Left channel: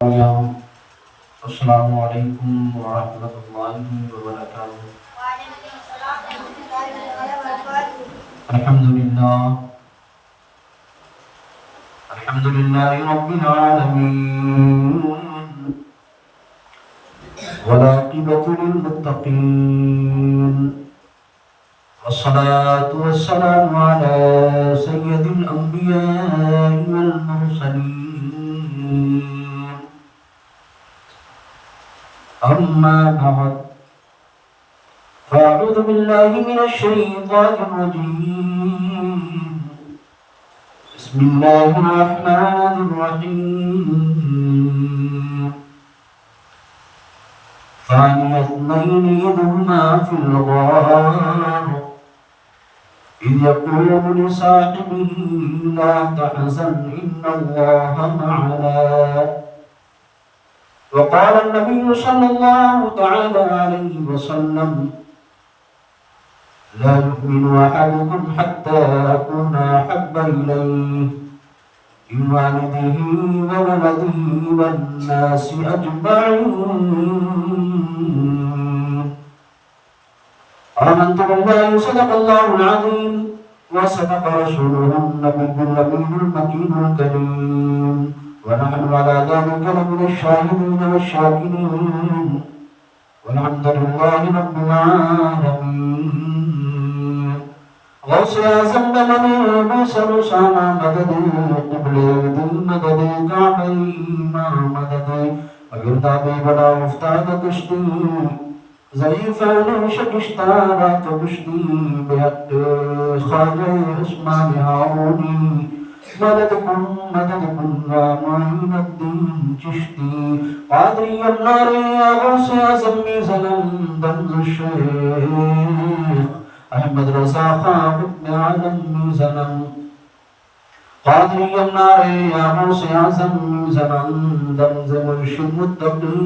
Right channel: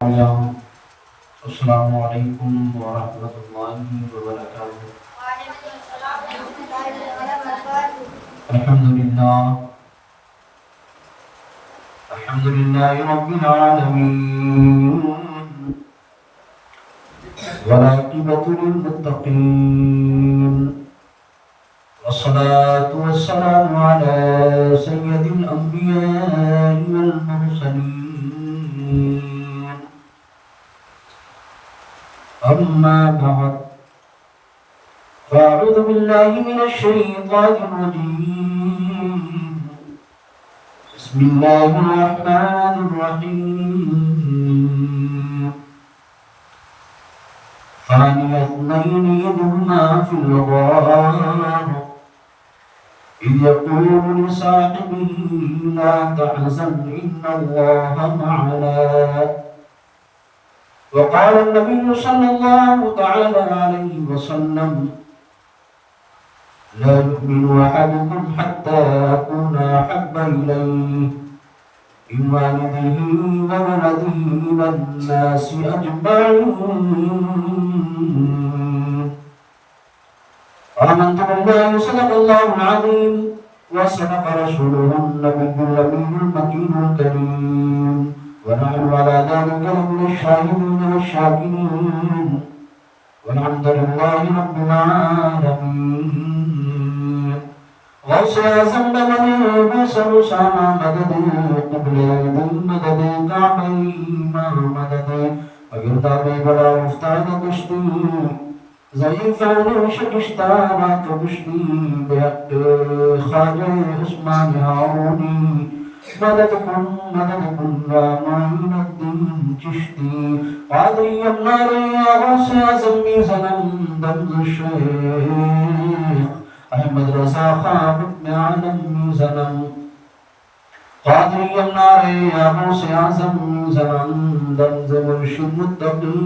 السلام علیکم ورحمۃ اللہ وبرکاتہ۔ الحمدللہ الحمدللہ رب العالمین والعاقبۃ للمتقین والصلاة والسلام علی سید الانبیاء والمرسلین، أما بعد فأعوذ بالله من الشيطان الرجيم، بسم الله الرحمن الرحيم. ثاني اثنين إذ هما في الغار إذ يقول لصاحبه لا تحزن إن الله معنا. وقال النبي صلى الله تعالى عليه وسلم لا يؤمن أحدكم حتى أكون أحب إليه من والده وولده والناس أجمعين. آمنت بالله صدق الله العظيم وصدق رسوله النبي الأمين المكين الكريم، ونحن على ذلك لمن الشاهدين والشاكرين، والحمد لله رب العالمين. غوث اعظم بمنی بسر ساما مدد قبل دل مدد کعبی مدد اگرداب بڑا افتاد کشتی ضعیفان شکشتانا کشتی بحق خواجہ عثمان ہارونی مددکم یا معین الدین چشتی قادری النار یا غوث اعظم میزنم دمز الشیخ احمد رضا خان ابن عالم میزنم قادری النار یا غوث اعظم میزنم دمز مرشد متقی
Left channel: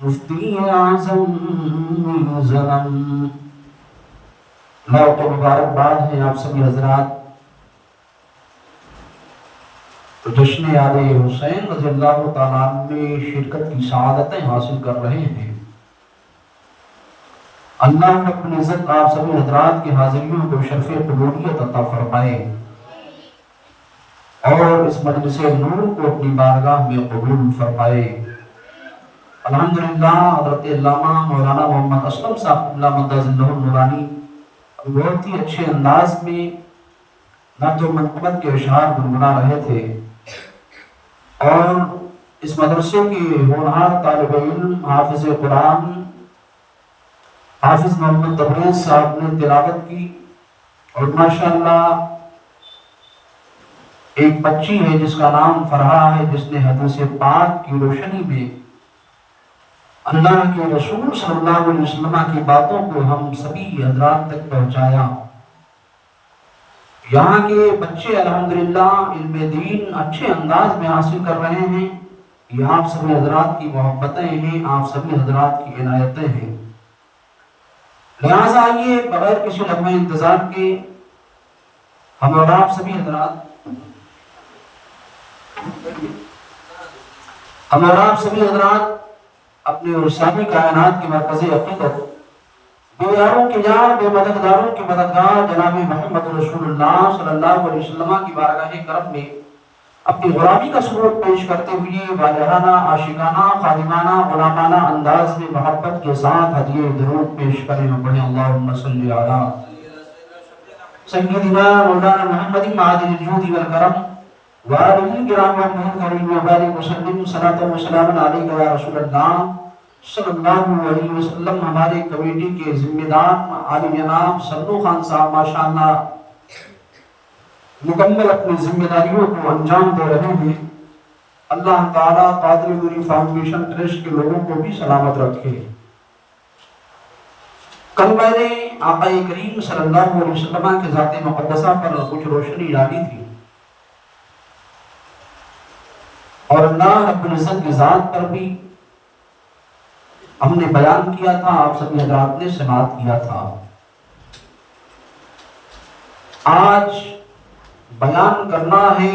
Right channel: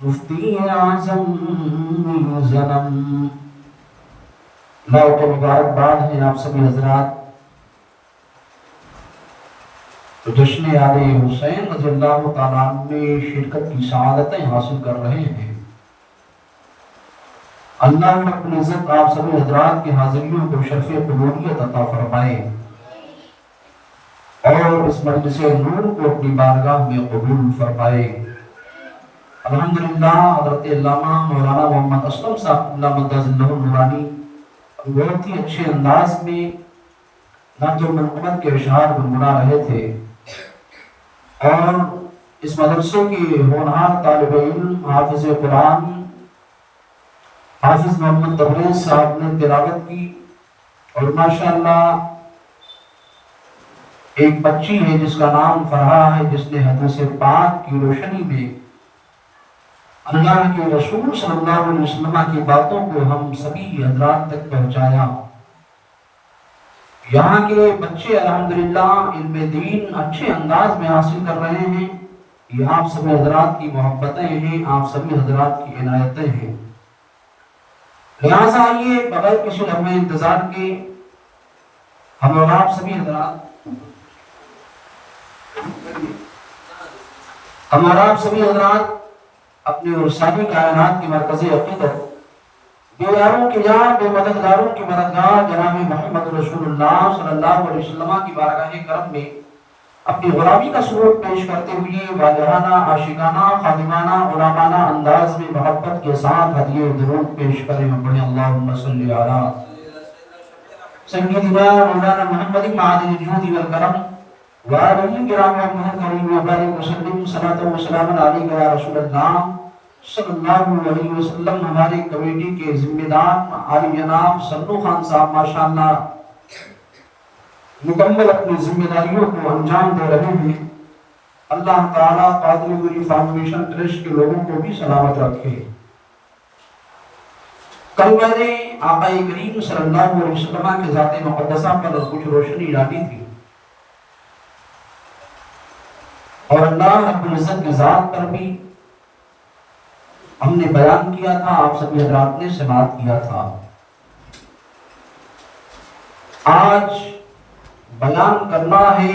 مفتی اعظم میزنم. موت مبارکباد ہے آپ سبھی حضرات تو جشن یاد حسین رضی اللہ تعالیٰ عنہ میں شرکت کی سعادتیں حاصل کر رہے ہیں. اللہ رب العزت آپ سبھی حضرات کے حاضریوں کو شرف قبولیت عطا فرمائے اور اس مجلس نور کو اپنی بارگاہ میں قبول فرمائے. الحمدللہ حضرت علامہ مولانا محمد اسلم صاحب اللہ مدہ زندہ النورانی بہت ہی اچھے انداز میں نعت و منقبت کے اشعار گنگنا رہے تھے اور اس مدرسے کے ہونہار طالب علم حافظ قرآن حافظ محمد تبریز صاحب نے تلاوت کی اور ماشاءاللہ ایک بچی ہے جس کا نام فرحہ ہے جس نے حدیث پاک کی روشنی میں اللہ کے رسول صلی اللہ علیہ وسلم کی باتوں کو ہم سبھی حضرات تک پہنچایا. یہاں کے بچے الحمدللہ علم دین اچھے انداز میں حاصل کر رہے ہیں. یہ آپ سبھی حضرات کی محبتیں ہیں، آپ سبھی حضرات کی عنایتیں ہیں. لہٰذا یہ بغیر کسی لمحے انتظار کے ہم اور آپ سبھی حضرات اپنے ارسالی کائنات کی مرکزی حقیقت بے یاروں کی یار بے مددگاروں کی مددگار جناب محمد رسول اللہ صلی اللہ علیہ وسلم کی بارگاہ کرم میں اپنی غلامی کا سلوک پیش کرتے ہوئے واجہانہ عاشقانہ خادمانہ غلامانہ انداز میں محبت کے ساتھ ہدیے درود پیش کریں. بڑے اللہم صلی علی سیدنا مولانا محمد معدن الجود والکرم وآلہ کرام کریم وبارک وسلم صلاۃ و سلام علیک یا رسول اللہ صلی اللہ علیہ وسلم. ہمارے کمیٹی کے ذمہ دار عالم جناب سنو خان صاحب ماشاءاللہ مکمل اپنی ذمہ داریوں کو انجام دے رہے ہیں. اللہ تعالیٰ قادری ولی فاؤنڈیشن ٹرسٹ کے لوگوں کو بھی سلامت رکھے. کل میں نے آقا کریم صلی اللہ علیہ وسلم کے ذات مقدسہ پر کچھ روشنی ڈالی تھی اور اللہ رب العزت کی ذات پر بھی ہم نے بیان کیا تھا، آپ سبھی حضرات نے سماعت کیا تھا. آج بیان کرنا ہے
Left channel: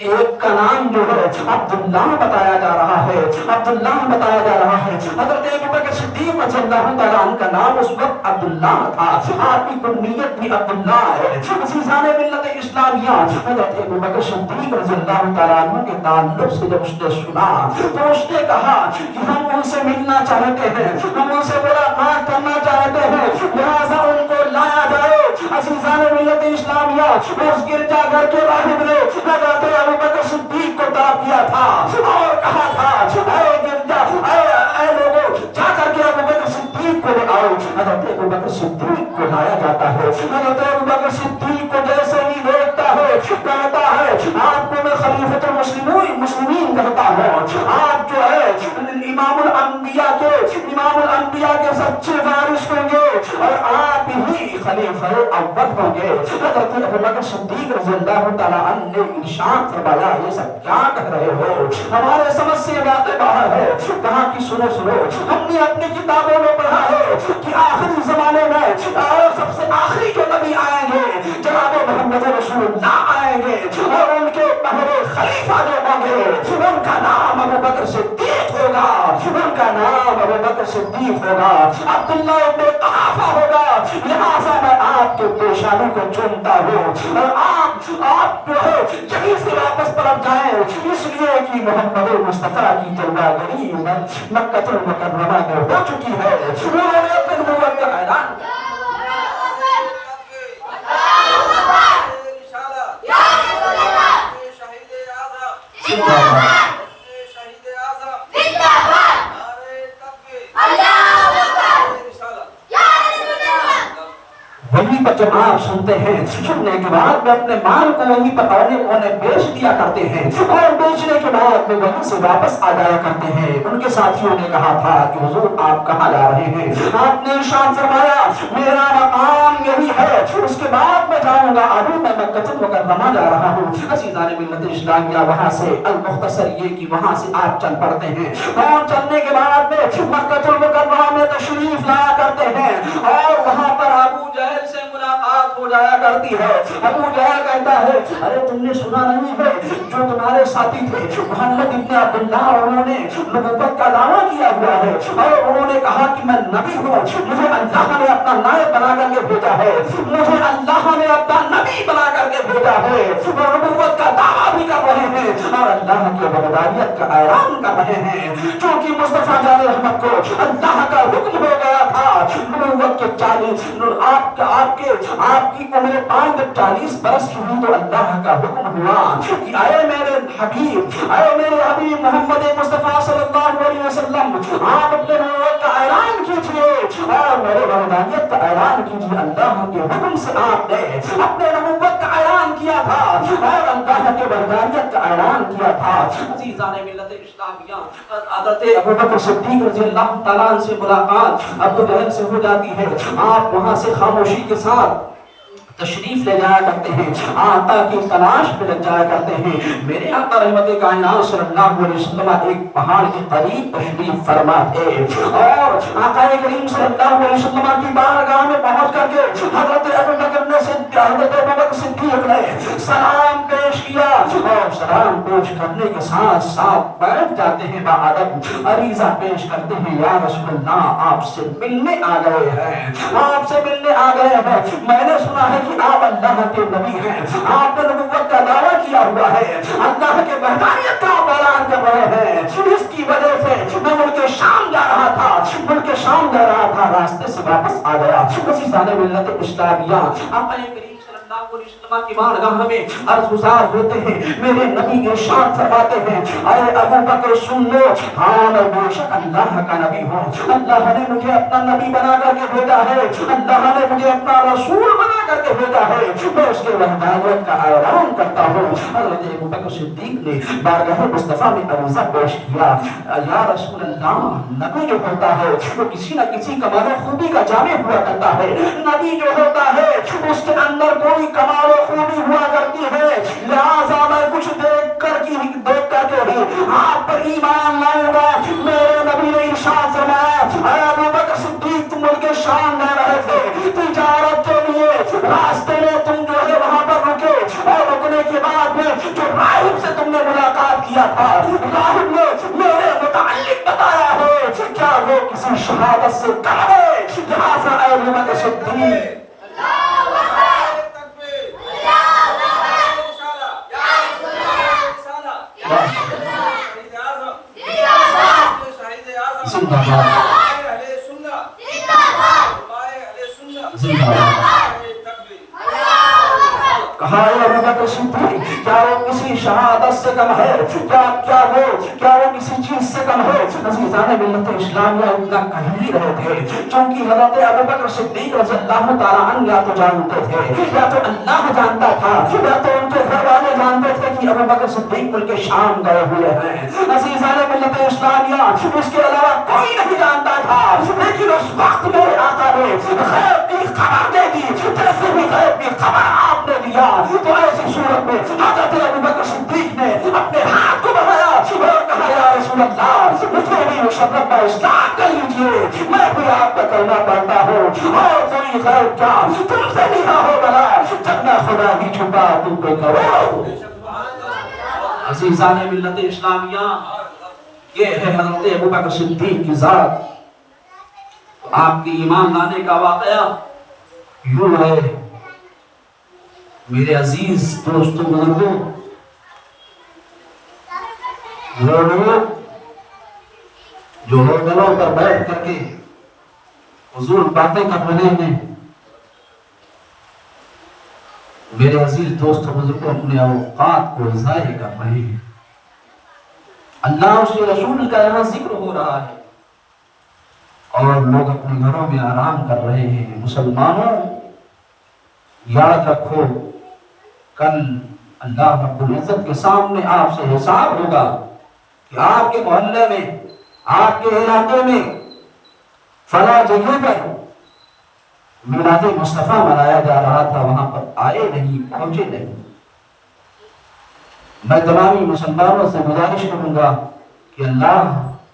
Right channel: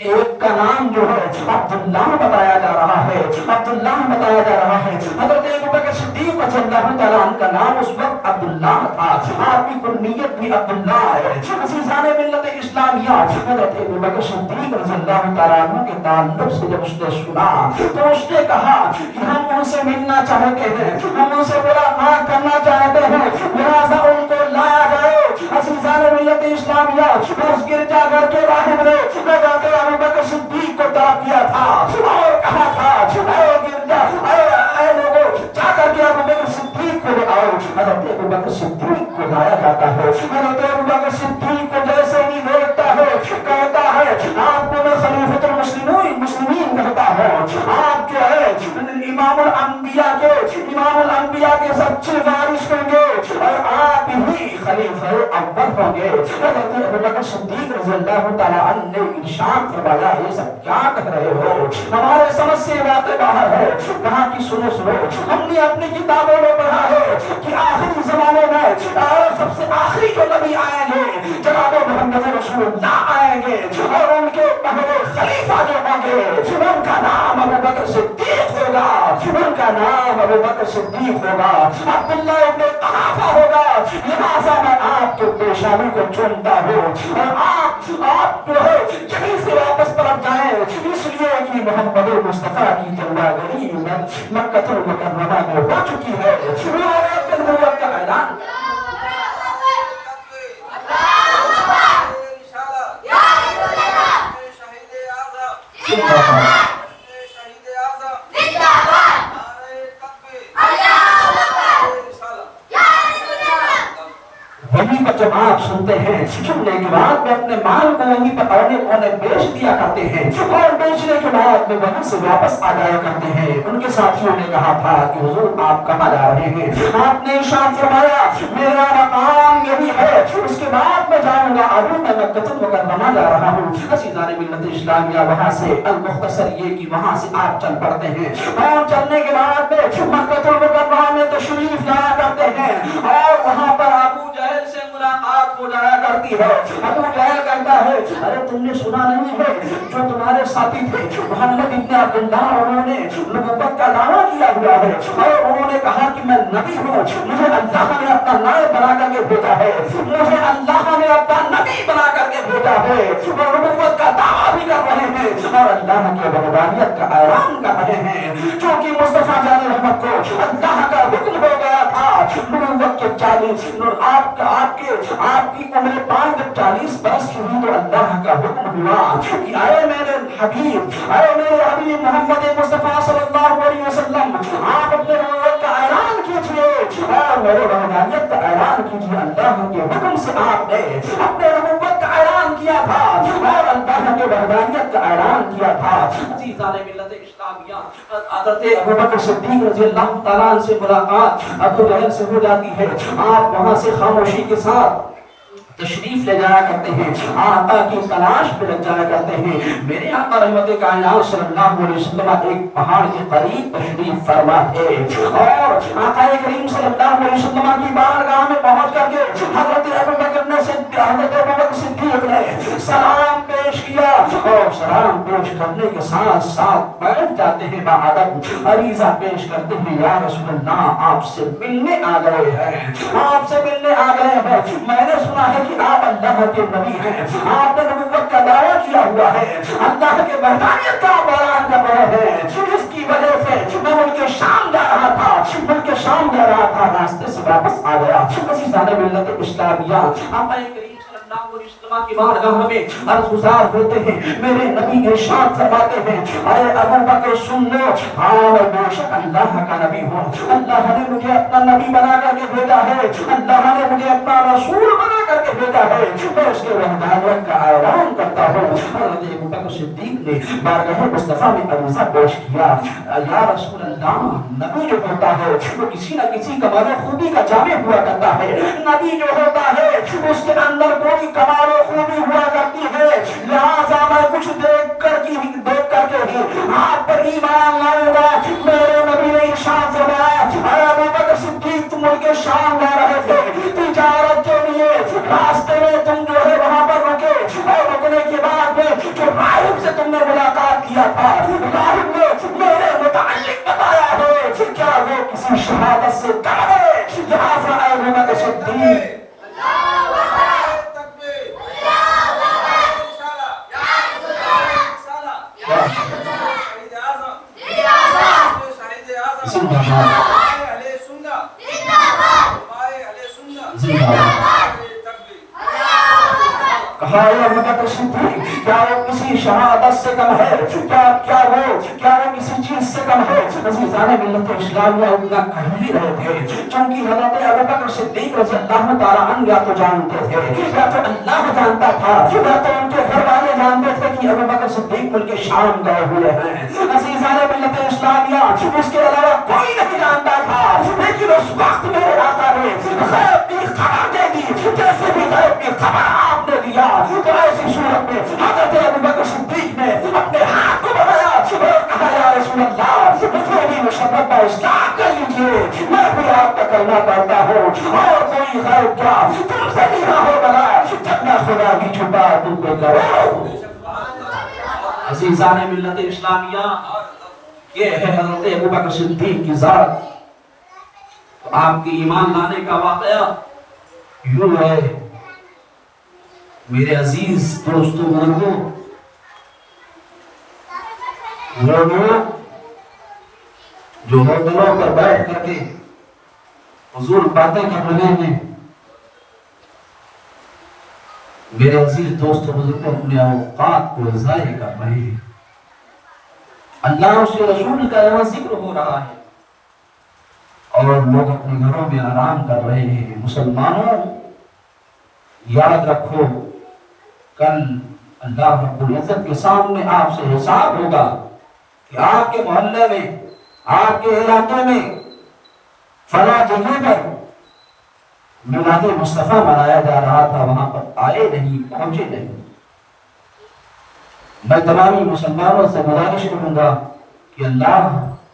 ایک کا نام جو ہے عبداللہ بتایا جا رہا ہے، عبداللہ بتایا جا رہا ہے۔ حضرت ابوبکر صدیق رضی اللہ تعالیٰ عنہ کا نام اس وقت عبداللہ تھا، آپ کی کنیت بھی عبداللہ ہے۔ عزیزان ملت اسلامیہ، حضرت ابوبکر صدیق رضی اللہ تعالیٰ عنہ کے تعلق سے جب اس نے سنا تو اس نے کہا کہ ہم ان سے ملنا چاہتے ہیں، ہم ان سے ملاقات کرنا چاہتے ہیں، لہذا ان کو لایا جائے۔ عزیزان ملت اسلامیہ، اس گرجا گھر کے باہر نے حضرت ابوبکر صدیق کو طلب کیا تھا اور کہا تھا اے گرجا، اے لوگوں، جا کر کے ابوبکر صدیق کو لے آؤ۔ حضرت ابوبکر صدیق کو لایا جاتا ہے۔ حضرت ابوبکر صدیق کو جیسے ہی دیکھتا ہے کہتا ہے آپ کو میں خلیفۃ المسلمین کہتا ہوں، آپ جو ہے امام الانبیاء کے سچے وارث ہوں گے اور آپ ہی خلیفہ اول ہوں گے۔ حضرت ابوبکر صدیق رضی اللہ تعالیٰ عنہ نے ارشاد فرمایا یہ سب کیا کہہ رہے ہو، ہمارے سمجھ سے واقع باہر ہے۔ کہا کہ سنو ہم نے اپنی کتابوں میں پڑھا ہے کہ آخری زمانے میں سب سے آخری جو نبی آئیں گے جناب محمد رسول اللہ آئیں گے اور ان کے پہلے خلیفہ جو ہوں گے ان کا نام ابوبکر صدیق ہوگا، ان کا نام ابوبکر صدیق ہوگا، عبداللہ ابن قحافہ ہوگا۔ لہٰذا میں آپ کے پیشانی کو چومتا ہوں اور آپ جو ہے یہیں سے واپس پلٹ جائیں، اس لیے کہ محمد مصطفیٰ کی تلوار گری مکہ المکرمہ میں ہو چکی ہے۔ انہوں نے اپنے نبوت کا اعلان وہیں پر جب آپ سنتے ہیں، سننے کے بعد میں اپنے مال کو وہیں پر اونے بیچ دیا کرتے ہیں اور بیچنے کے بعد میں وہیں سے واپس آ جایا کرتے ہیں۔ ان کے ساتھیوں نے کہا تھا کہ حضور آپ کہاں جا رہے ہیں؟ آپ نے ارشاد فرمایا میرا مقام یہی ہے، اس کے بعد میں جاؤں گا، ابھی میں مکہ المکرمہ جا رہا ہوں۔ عزیزان ملت اسلامیہ، وہاں سے المختصر یہ کہ وہاں سے آپ چل پڑتے ہیں اور چلنے کے بعد میں مکہ المکرمہ میں تشریف لایا کرتے ہیں اور وہاں پر ابو جہل سے ملاقات ہو جایا کرتی ہے۔ ابو جہل کہتا ہے ارے تم نے سنا نہیں ہے جو تمہارے ساتھی تھے محمد ابن عبداللہ، انہوں نے نبوت کا دعویٰ کیا ہوا ہے اور انہوں نے کہا کہ میں نبی ہوں، مجھے اللہ نے اپنا نائب بنا کر کے بھیجا ہے، مجھے اللہ نے اپنا نبی بنا کر کے بھیجا ہے۔ وہ نبوت کا دعویٰ بھی کر رہے ہیں اور اللہ کی وحدانیت کا اعلان کر رہے ہیں، کیونکہ مصطفیٰ جان رحمت کو اللہ کا حکم ہو گیا تھا نبوت کے 40 آپ کی عمر 40 برس ہوئی تو اللہ کا حکم ہوا کہ اے میرے حبیب محمد مصطفیٰ صلی اللہ علیہ وسلم، آپ اپنے نبوت کا اعلان کیجئے اور میرے وحدانیت کا اعلان کیجئے۔ اللہ کے حکم سے آپ نے اپنے نبوت کا اعلان کیا تھا اور اللہ کے وحدانیت کا اعلان کیا تھا۔ عزیزان ملت اسلامیہ، حضرت ابوبکر صدیق رضی اللہ تعالیٰ عنہ سے ملاقات ابو جہل سے ہو جاتی ہے۔ آپ وہاں سے خاموشی کے ساتھ تشریف لے جایا کرتے ہیں، آقا کی تلاش پہ لگ جایا کرتے ہیں۔ میرے آقا رحمت کائنات صلی اللہ علیہ وسلم ایک پہاڑ کے قریب تشریف فرما تھے اور آقا کریم صلی اللہ علیہ وسلم کی بارگاہ میں پہنچ کر کے حضرت ابوبکر صدیق نے سلام پیش کیا اور سلام پیش کرنے کے ساتھ ساتھ بیٹھ جاتے ہیں، باادب عریضہ پیش کرتے ہیں یا رسول اللہ آپ سے ملنے آ گئے ہیں، آپ سے ملنے آ گئے ہیں۔ میں نے سنا ہے کہ آپ اللہ کے نبی ہیں، آپ نے نبوت کا دعویٰ کیا ہوا ہے، اللہ کے وحدانیت کا اعلان کر رہے ہیں، اس کی وجہ سے میں ملک شام جا رہا تھا، راستے سے واپس آ گیا۔ عزیزان ملت اسلامیہ، آقا کریم صلی اللہ علیہ وسلم کی بارگاہ میں عرض گزار ہوتے ہیں، میرے نبی ارشاد فرماتے ہیں اے ابو بکر سن لو، ہاں میں بے شک اللہ کا نبی ہوں، اللہ نے مجھے اپنا نبی بنا کر کے بھیجا ہے، اللہ نے مجھے اپنا رسول بنا کر کے بھیجا ہے، میں اس کے وحدانیت کا اعلان کرتا ہوں۔ حضرت ابوبکر صدیق نے بارگاہ مصطفیٰ میں عریضہ پیش کیا، یا رسول اللہ، نبی جو ہوتا ہے وہ کسی نہ کسی کمال و خوبی کا جامع ہوا کرتا ہے، نبی جو ہوتا ہے اس کے اندر کوئی کمال و خوبی ہوا کرتی ہے، لہٰذا میں کچھ دیکھ کر کے ہی آپ پر ایمان لاؤں گا۔ میرے نبی نے ارشاد فرمایا اے ابوبکر صدیق، تم ملک شام جا رہے تھے تجارت کے لیے، راستے میں تم جو ہے وہاں پر رکے اور رکنے کے بعد میں جو راہب سے اللہ نے میرے متعلق بتایا ہے، کیا وہ کسی شہادت سے کم ہے؟ لہٰذا اے ابو بکر صدیق کہا ہے ابو بکر صدیق کیا وہ کسی شہادت سے کم ہے؟ کیا وہ کسی چیز سے کم ہے؟ عزیزان ملت اسلامیہ اتنا کہہ ہی رہے تھے چونکہ حضرت ابو بکر صدیق رضی اللہ تعالیٰ عنہ یا تو جانتے تھے یا تو اللہ جانتا تھا یا تو ان کے گھر والے جانتے تھے کہ ابو بکر صدیق ملک شام گئے ہوئے ہیں۔ عزیزان ملت اسلامیہ اس کے علاوہ کوئی نہیں جانتا تھا، لیکن اس وقت میرے آقا نے غیب کی خبر دے دی، جیسے بھی غیب کی خبر آپ نے دیا تو ایسی صورت میں حضرت ابو بکر صدیق نے اپنے ہاتھ کو بنایا اور کہا یا رسول اللہ مجھے بھی مشرف اسلام کر لیجیے، میں بھی آپ کا کلمہ پڑھتا ہوں اور کوئی غیب کیا تم سے نہیں ہو بلا جب نہ خدا ہی چھپا تم کو کرو۔ عزیزان ملت اسلامیہ یہ ہے حضرت ابو بکر صدیق کی ذات۔ آپ کی ایمان لانے کا واقعہ یوں ہے میرے عزیز دوستوں بزرگوں، وہ لوگ جو ہوٹلوں پر بیٹھ کر کے فضول باتیں کر رہے ہیں، میرے عزیز دوستوں بزرگوں اپنے اوقات کو ضائع کر رہے ہیں۔ اللہ اس کے رسول کا یہاں ذکر ہو رہا ہے اور لوگ اپنے گھروں میں آرام کر رہے ہیں۔ مسلمانوں یاد رکھو کل اللہ رب العزت کے سامنے آپ سے حساب ہوگا کہ آپ کے محلے میں آپ کے علاقے میں فلاں جگہ پر میلاد مصطفیٰ منایا جا رہا تھا، وہاں پر آئے نہیں، پہنچے نہیں۔ میں تمامی مسلمانوں سے گزارش کروں گا کہ اللہ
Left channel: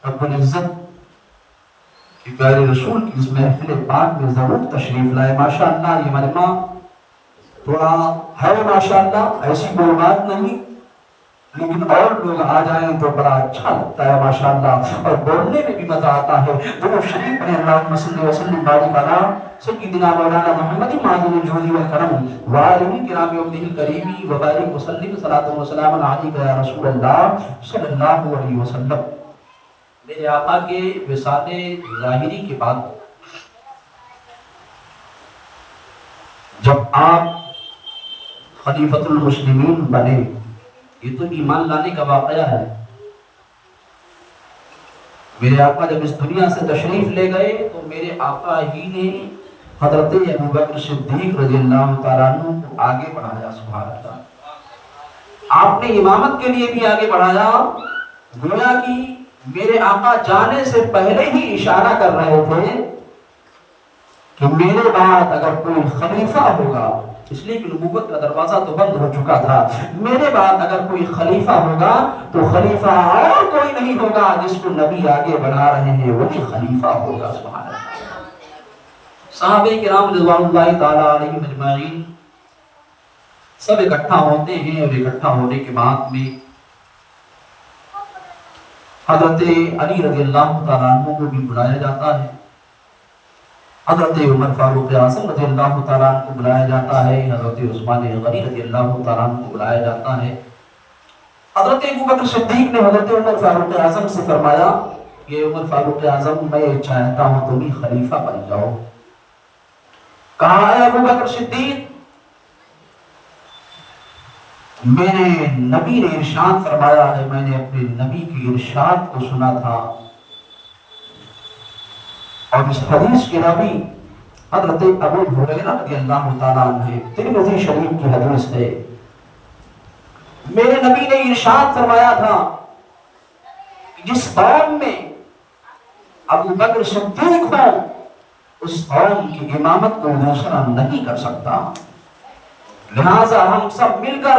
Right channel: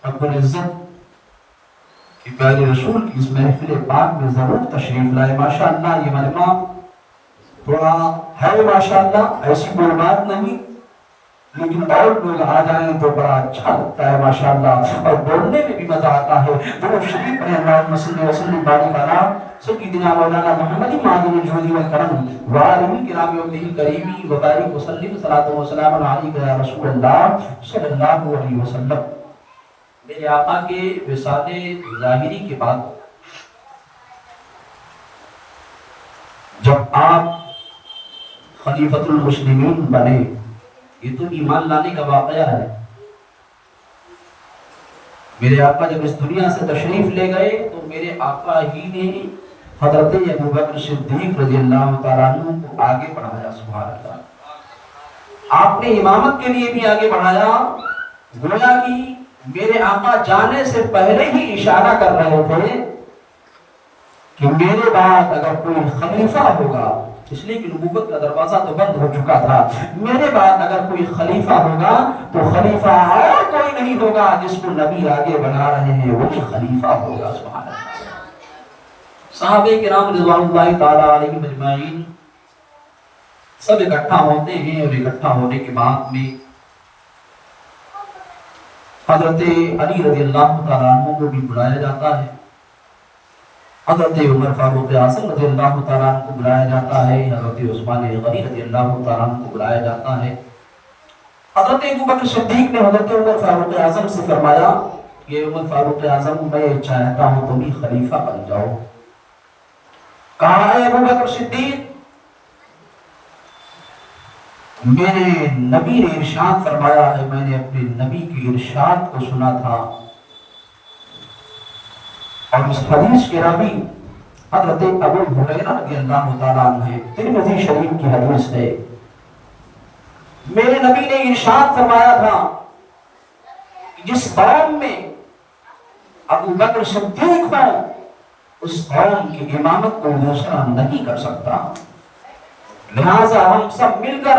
رب العزت کہ پیارے رسول کی اس محفل پاک میں ضرور تشریف لائے۔ ماشاءاللہ یہ مجمع تھوڑا ہے ماشاءاللہ، ایسی کوئی بات نہیں، لیکن اور لوگ آ جائیں تو بڑا اچھا لگتا ہے ماشاءاللہ، اور بولنے میں بھی مزہ آتا ہے۔ درود شریف پڑھیں اللہم صلی وسلم بارک علی سیدنا مولانا محمد معدن الجود والکرم وآلہ کرام وصحبہ الکریم وبارک وسلم صلاۃ و سلام علیک یا رسول اللہ صلی اللہ علیہ وسلم۔ میرے آقا کے وصال ظاہری کے بعد جب آپ خلیفۃ المسلمین بنے، یہ تو ایمان لانے کا واقعہ ہے۔ میرے آقا جب اس دنیا سے تشریف لے گئے تو میرے آقا ہی نے حضرت ابو بکر صدیق رضی اللہ تعالیٰ عنہ کو آگے بڑھایا۔ سبحان اللہ، آپ نے امامت کے لیے بھی آگے بڑھایا، گویا کہ میرے آقا جانے سے پہلے ہی اشارہ کر رہے تھے کہ میرے بعد اگر کوئی خلیفہ ہوگا، اس لیے کہ نبوت کا دروازہ تو بند ہو چکا تھا، میرے بعد اگر کوئی خلیفہ ہوگا تو خلیفہ اور کوئی نہیں ہوگا، جس کو نبی آگے بڑھا رہے ہیں وہی خلیفہ ہوگا۔ سبحان اللہ۔ صحابہ کرام رضوان اللہ تعالیٰ علیہم اجمعین سب اکٹھا ہوتے ہیں، اور اکٹھا ہونے کے بعد میں حضرت علی رضی اللہ تعالیٰ عنہ کو بھی بلایا جاتا ہے، حضرت عمر فاروق اعظم رضی اللہ تعالیٰ عنہ کو بلایا جاتا ہے، حضرت عثمان غنی رضی اللہ تعالیٰ عنہ کو بلایا جاتا ہے۔ حضرت ابو بکر صدیق نے حضرت عمر فاروق اعظم سے فرمایا کہ عمر فاروق اعظم میں چاہتا ہوں تم ہی خلیفہ بن جاؤ۔ کہا ہے ابو بکر صدیق میرے نبی نے ارشاد فرمایا ہے، میں نے اپنے نبی کے ارشاد کو سنا تھا، اور اس حدیث کے راوی حضرت ابو ہریرہ رضی اللہ تعالیٰ عنہ ہیں، ترمذی شریف کی حدیث ہے۔ میرے نبی نے ارشاد فرمایا تھا جس قوم میں ابو بکر صدیق ہو اس قوم کی امامت کو دوسرا نہیں کر سکتا، لہذا ہم سب مل کر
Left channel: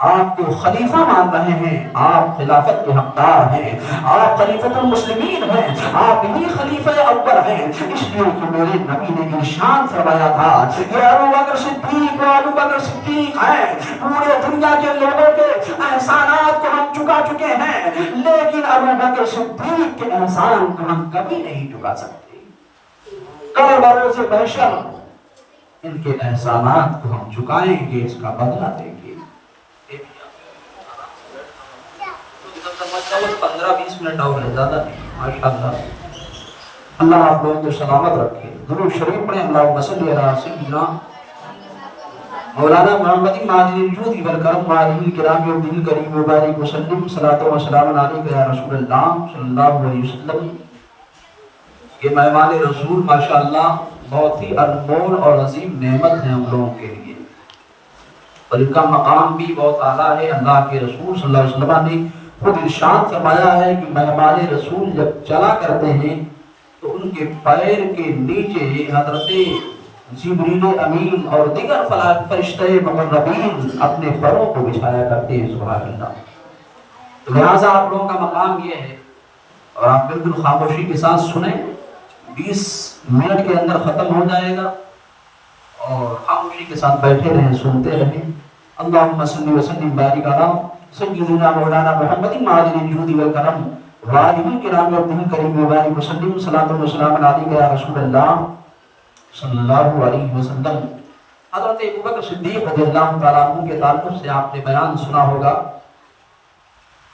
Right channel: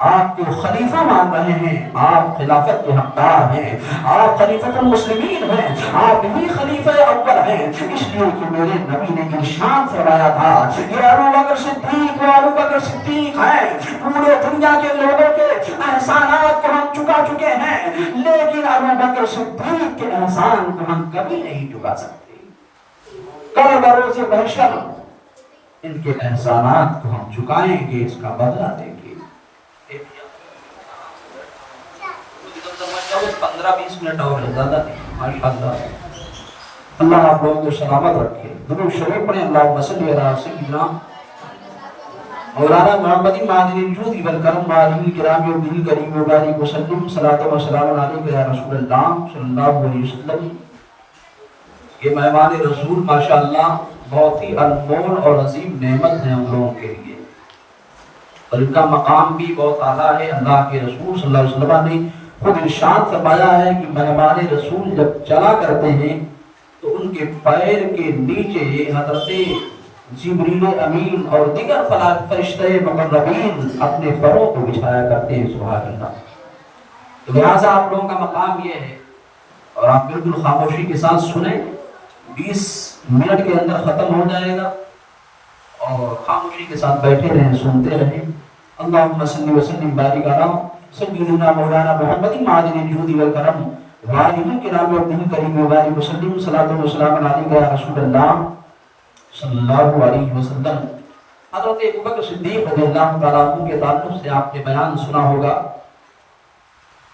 آپ کو خلیفہ مان رہے ہیں، آپ خلافت کے حقدار ہیں، آپ خلیفۃ المسلمین ہیں، آپ ہی خلیفہ اول ہیں، اس لیے کہ میرے نبی نے ارشاد فرمایا تھا یہ ابو بکر صدیق و ابو بکر صدیق ہیں، پورے دنیا کے لوگوں کے احسانات کو ہم چکا چکے ہیں لیکن ابو بکر صدیق کے احسان کو ہم کبھی نہیں چکا سکتے، کل بروز محشر ان کے احسانات کو ہم چکائیں گے، اس کا بدلہ دیں گے۔ 15-20 منٹ اور ہے، زیادہ نہیں، ماشاءاللہ۔ اللہ آپ لوگوں کو سلامت رکھے۔ درود شریف پڑھیں، اللہم صلی علی سیدنا مولانا محمد ماجد الجود والکرم وعلیہ الکرام والدین کریم مبارک وسلم، صلاۃ و سلام علیک یا رسول اللہ صلی اللہ علیہ وسلم۔ یہ مہمان رسول ماشاءاللہ بہت ہی انمول اور عظیم نعمت ہے ان لوگوں کے لیے، اور ان کا مقام بھی بہت اعلیٰ ہے۔ اللہ کے رسول صلی اللہ علیہ وسلم نے خود ارشاد فرمایا ہے کہ مہمان رسول جب چلا کرتے ہیں تو ان کے پیر کے نیچے حضرت جبریل امین اور دیگر فرشتے مقربین اپنے پروں کو بچھایا کرتے ہیں، سبحان اللہ۔ تو لہٰذا آپ لوگوں کا مقام یہ ہے، اور آپ بالکل خاموشی کے ساتھ سنیں، 20 منٹ کے اندر ختم ہو جائے گا، اور خاموشی کے ساتھ بیٹھے رہیں، سنتے رہیں۔ اللہم صلی وسلم بارک علی سیدنا مولانا محمد ماجد الجود والکرم وعلیہ الکرام والدین کریم مبارک وسلم، صلاۃ و سلام علیک یا رسول اللہ صلی اللہ علیہ وسلم۔ حضرت ابوبکر صدیق رضی اللہ تعالیٰ عنہ کے تعلق سے آپ نے بیان سنا ہوگا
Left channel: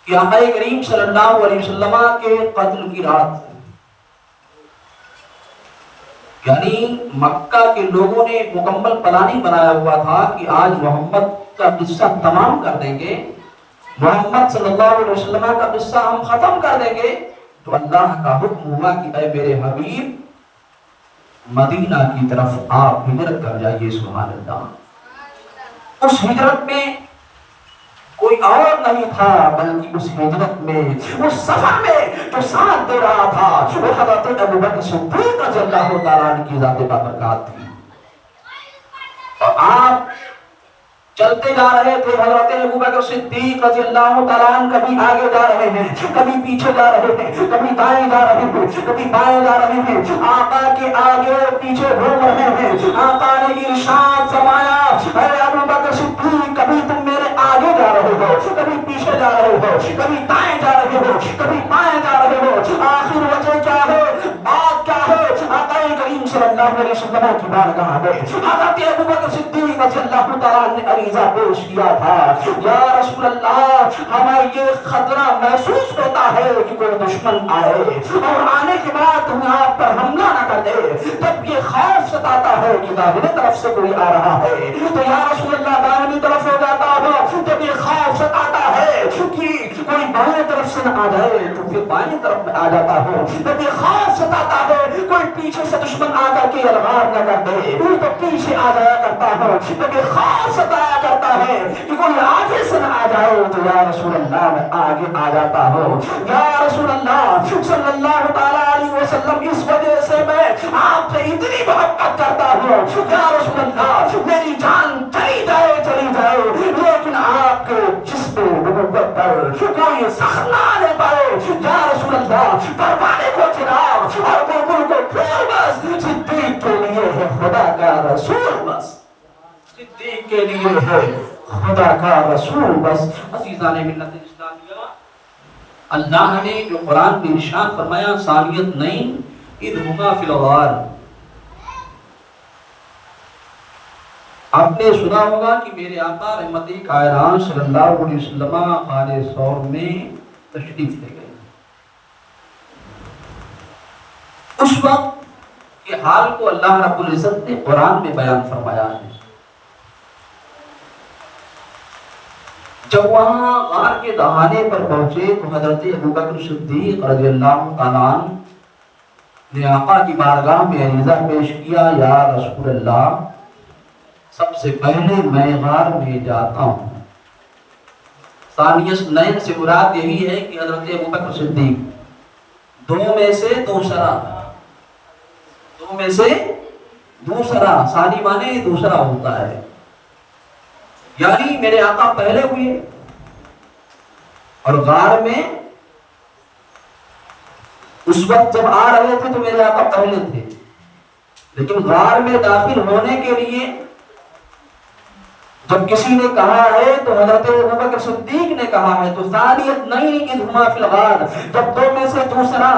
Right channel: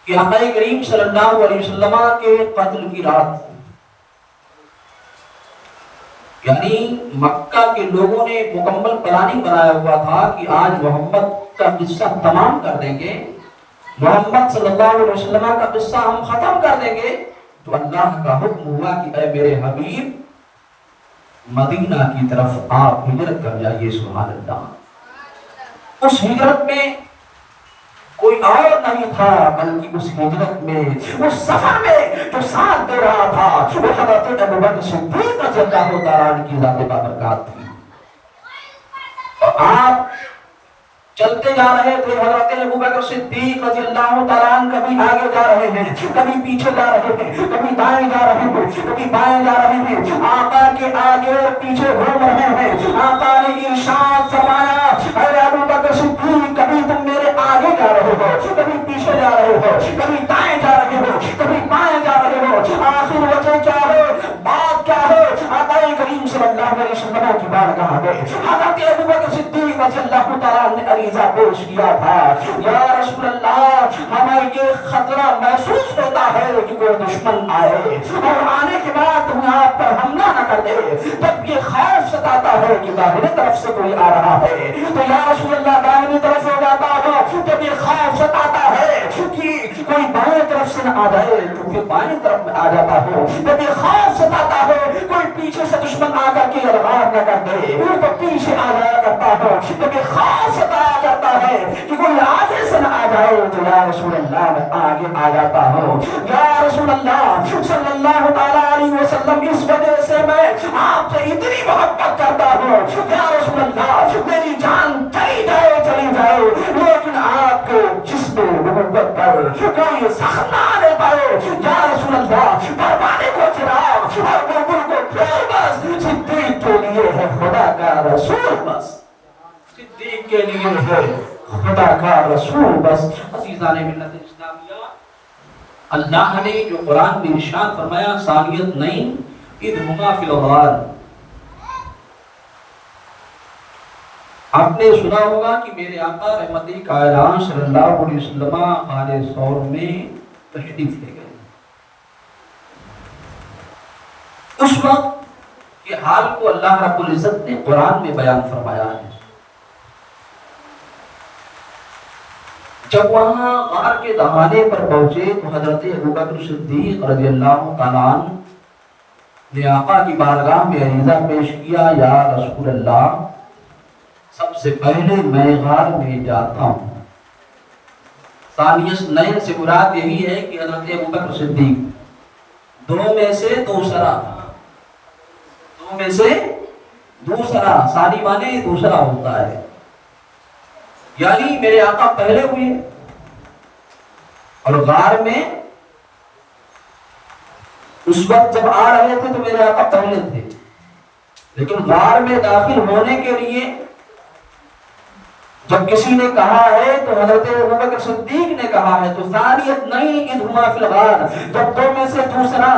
کہ آقا کریم صلی اللہ علیہ وسلم کے قتل کی رات، یعنی مکہ کے لوگوں نے مکمل پلاننگ بنایا ہوا تھا کہ آج محمد کا قصہ تمام کر دیں گے، محمد صلی اللہ علیہ وسلم کا قصہ ہم ختم کر دیں گے، تو اللہ کا حکم ہوا کہ اے میرے حبیب مدینہ کی طرف آپ ہجرت کر جائیے، سبحان اللہ۔ اس ہجرت میں کوئی اور نہیں تھا بلکہ اس ہجرت میں، اس سفر میں جو ساتھ دے رہا تھا وہ حضرت ابوبکر صدیق رضی اللہ تعالیٰ عنہ کی ذات بابرکات تھی، اور آپ چلتے جا رہے تھے۔ حضرت ابوبکر صدیق رضی اللہ تعالیٰ عنہ کبھی آگے جا رہے ہیں، کبھی پیچھے جا رہے ہیں، کبھی دائیں جا رہے ہیں، کبھی بائیں جا رہے ہیں، آقا کے آگے اور پیچھے گھوم رہے ہیں۔ آقا نے ارشاد فرمایا اے ابوبکر صدیق، کبھی تم میرے آگے جا رہے ہو، کبھی پیچھے جا رہے ہو، کبھی دائیں جا رہے ہو، کبھی بائیں جا رہے ہو، آخر وجہ کیا ہے، بات کیا ہے؟ آقا کریم صلی اللہ علیہ وسلم کی بارگاہ میں حضرت ابوبکر صدیق رضی اللہ تعالیٰ نے عریضہ پیش کیا تھا، یا رسول اللہ ہمیں یہ خطرہ محسوس ہوتا ہے کہ کوئی دشمن آئے اور آنے کے بعد ہم آپ پر حملہ نہ کر دے، تب یہ خوف ستاتا ہے کہ داہنے طرف سے کوئی آ رہا ہے، تو یا رسول اللہ داہنی طرف ہو جاتا ہو تب یہ خوف ستاتا ہے کہ کوئی بائیں طرف سے نہ آ جائے تو پھر بائیں طرف میں آ جاتا ہو، تب یہ خوف ستاتا ہے کوئی پیچھے سے دشمن آ کر کے الغار نہ کر دے تو پیچھے آ جایا کرتا ہو، تب یہ خوف ستایا کرتا ہے کہ کوئی آگے سے نہ آ جائے تو یا رسول اللہ میں آگے آ جاتا ہوں، یا رسول اللہ صلی اللہ تعالیٰ علیہ وسلم اس وجہ سے میں آپ سے اتنی محبت کرتا ہوں، یا رسول اللہ میری جان چلی جائے لیکن آپ کے جسم نبوت پر کوئی زخم نہ آنے پائے، یا رسول اللہ پروانے کو چراغ اور بلبل کو پھول، بس صدیق کے لیے ہے خدا کا رسول، بس صدیق کے لیے ہے خدا کا رسول بس۔ عزیزان ملت اسلامیہ، اللہ نے جو قرآن میں ارشاد فرمایا ثانیت نہیں اذ ہما فی الغار، آپ نے سنا ہوگا کہ میرے آقا رحمت کائنات صلی اللہ علیہ وسلم غار ثور میں تشریف لے گئے، اس وقت کے حال کو اللہ رب العزت نے قرآن میں بیان فرمایا ہے۔ جب وہاں غار کے دہانے پر پہنچے تو حضرت ابوبکر صدیق رضی اللہ تعالیٰ عنہ نے آقا کی بارگاہ میں عریضہ پیش کیا، یا رسول اللہ سب سے پہلے میں غار میں جاتا ہوں۔ ثانیہ نین سے مراد یہی ہے کہ حضرت ابوبکر صدیق دو میں سے دوسرا، ثانی مانے دوسرا ہوتا ہے، یعنی میرے آقا پہلے ہوئے، اور غار میں اس وقت جب آ رہے تھے تو میرے آقا پہلے تھے، لیکن غار میں داخل ہونے کے لیے جب کسی نے کہا ہے تو حضرت ابوبکر صدیق نے کہا ہے تو ثانیت نہیں اذہما فی الغار، جب دو میں سے دوسرا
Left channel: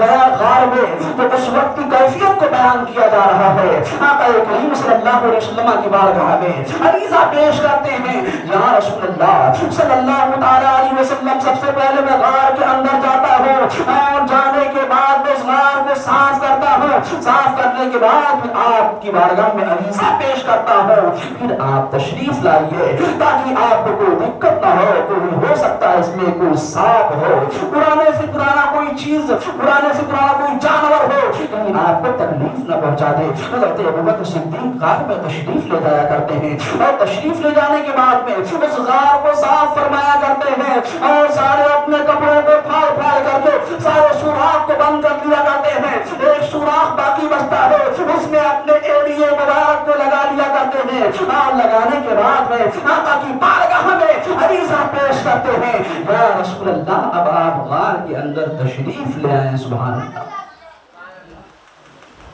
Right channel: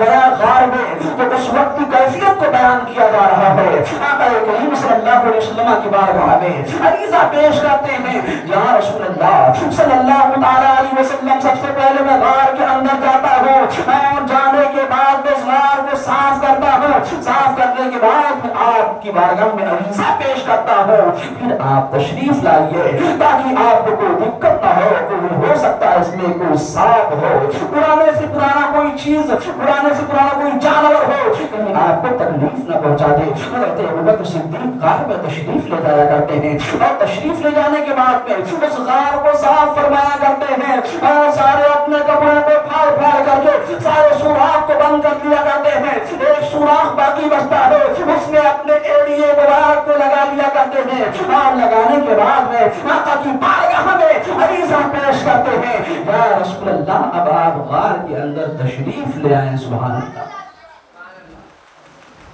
گیا غار میں تو اس وقت کی کیفیت کو بیان کیا جا رہا ہے۔ آقا کریم صلی اللہ علیہ وسلم کی بارگاہ میں عریضہ پیش کرتے ہیں، یا رسول اللہ صلی اللہ علیہ وسلم، سب سے پہلے میں غار کے اندر جاتا ہوں اور جانے کے بعد اس غار کو صاف کرتا ہوں، صاف کرنے کے بعد آپ کی بارگاہ میں عریضہ پیش کرتا ہوں، پھر آپ تشریف لائیے تاکہ آپ کو کوئی دقت نہ ہو، کوئی ہو سکتا ہے اس میں کوئی سانپ ہو، پرانے سے پرانا کوئی چیز، پرانے سے پرانا کوئی جانور ہو، کہیں آپ کو تکلیف نہ پہنچا دے۔ حضرت ابوبکر صدیق غار میں تشریف لے جایا کرتے ہیں اور تشریف لے جانے کے بعد میں اس غار کو صاف فرمایا کرتے ہیں اور سارے اپنے کپڑوں کو پھاڑ پھاڑ کر کے سارے سوراخ کو بند کر دیا کرتے ہیں، ایک سوراخ باقی بچتا ہے اس میں اپنے ایڑیے مبارک کو لگا لیا کرتے ہیں اور لگانے کے بعد میں آقا کی بارگاہ میں عریضہ پیش کرتے ہیں، یا رسول اللہ اب آپ غار کے اندر تشریف لے آئیں۔ سبحان اللہ۔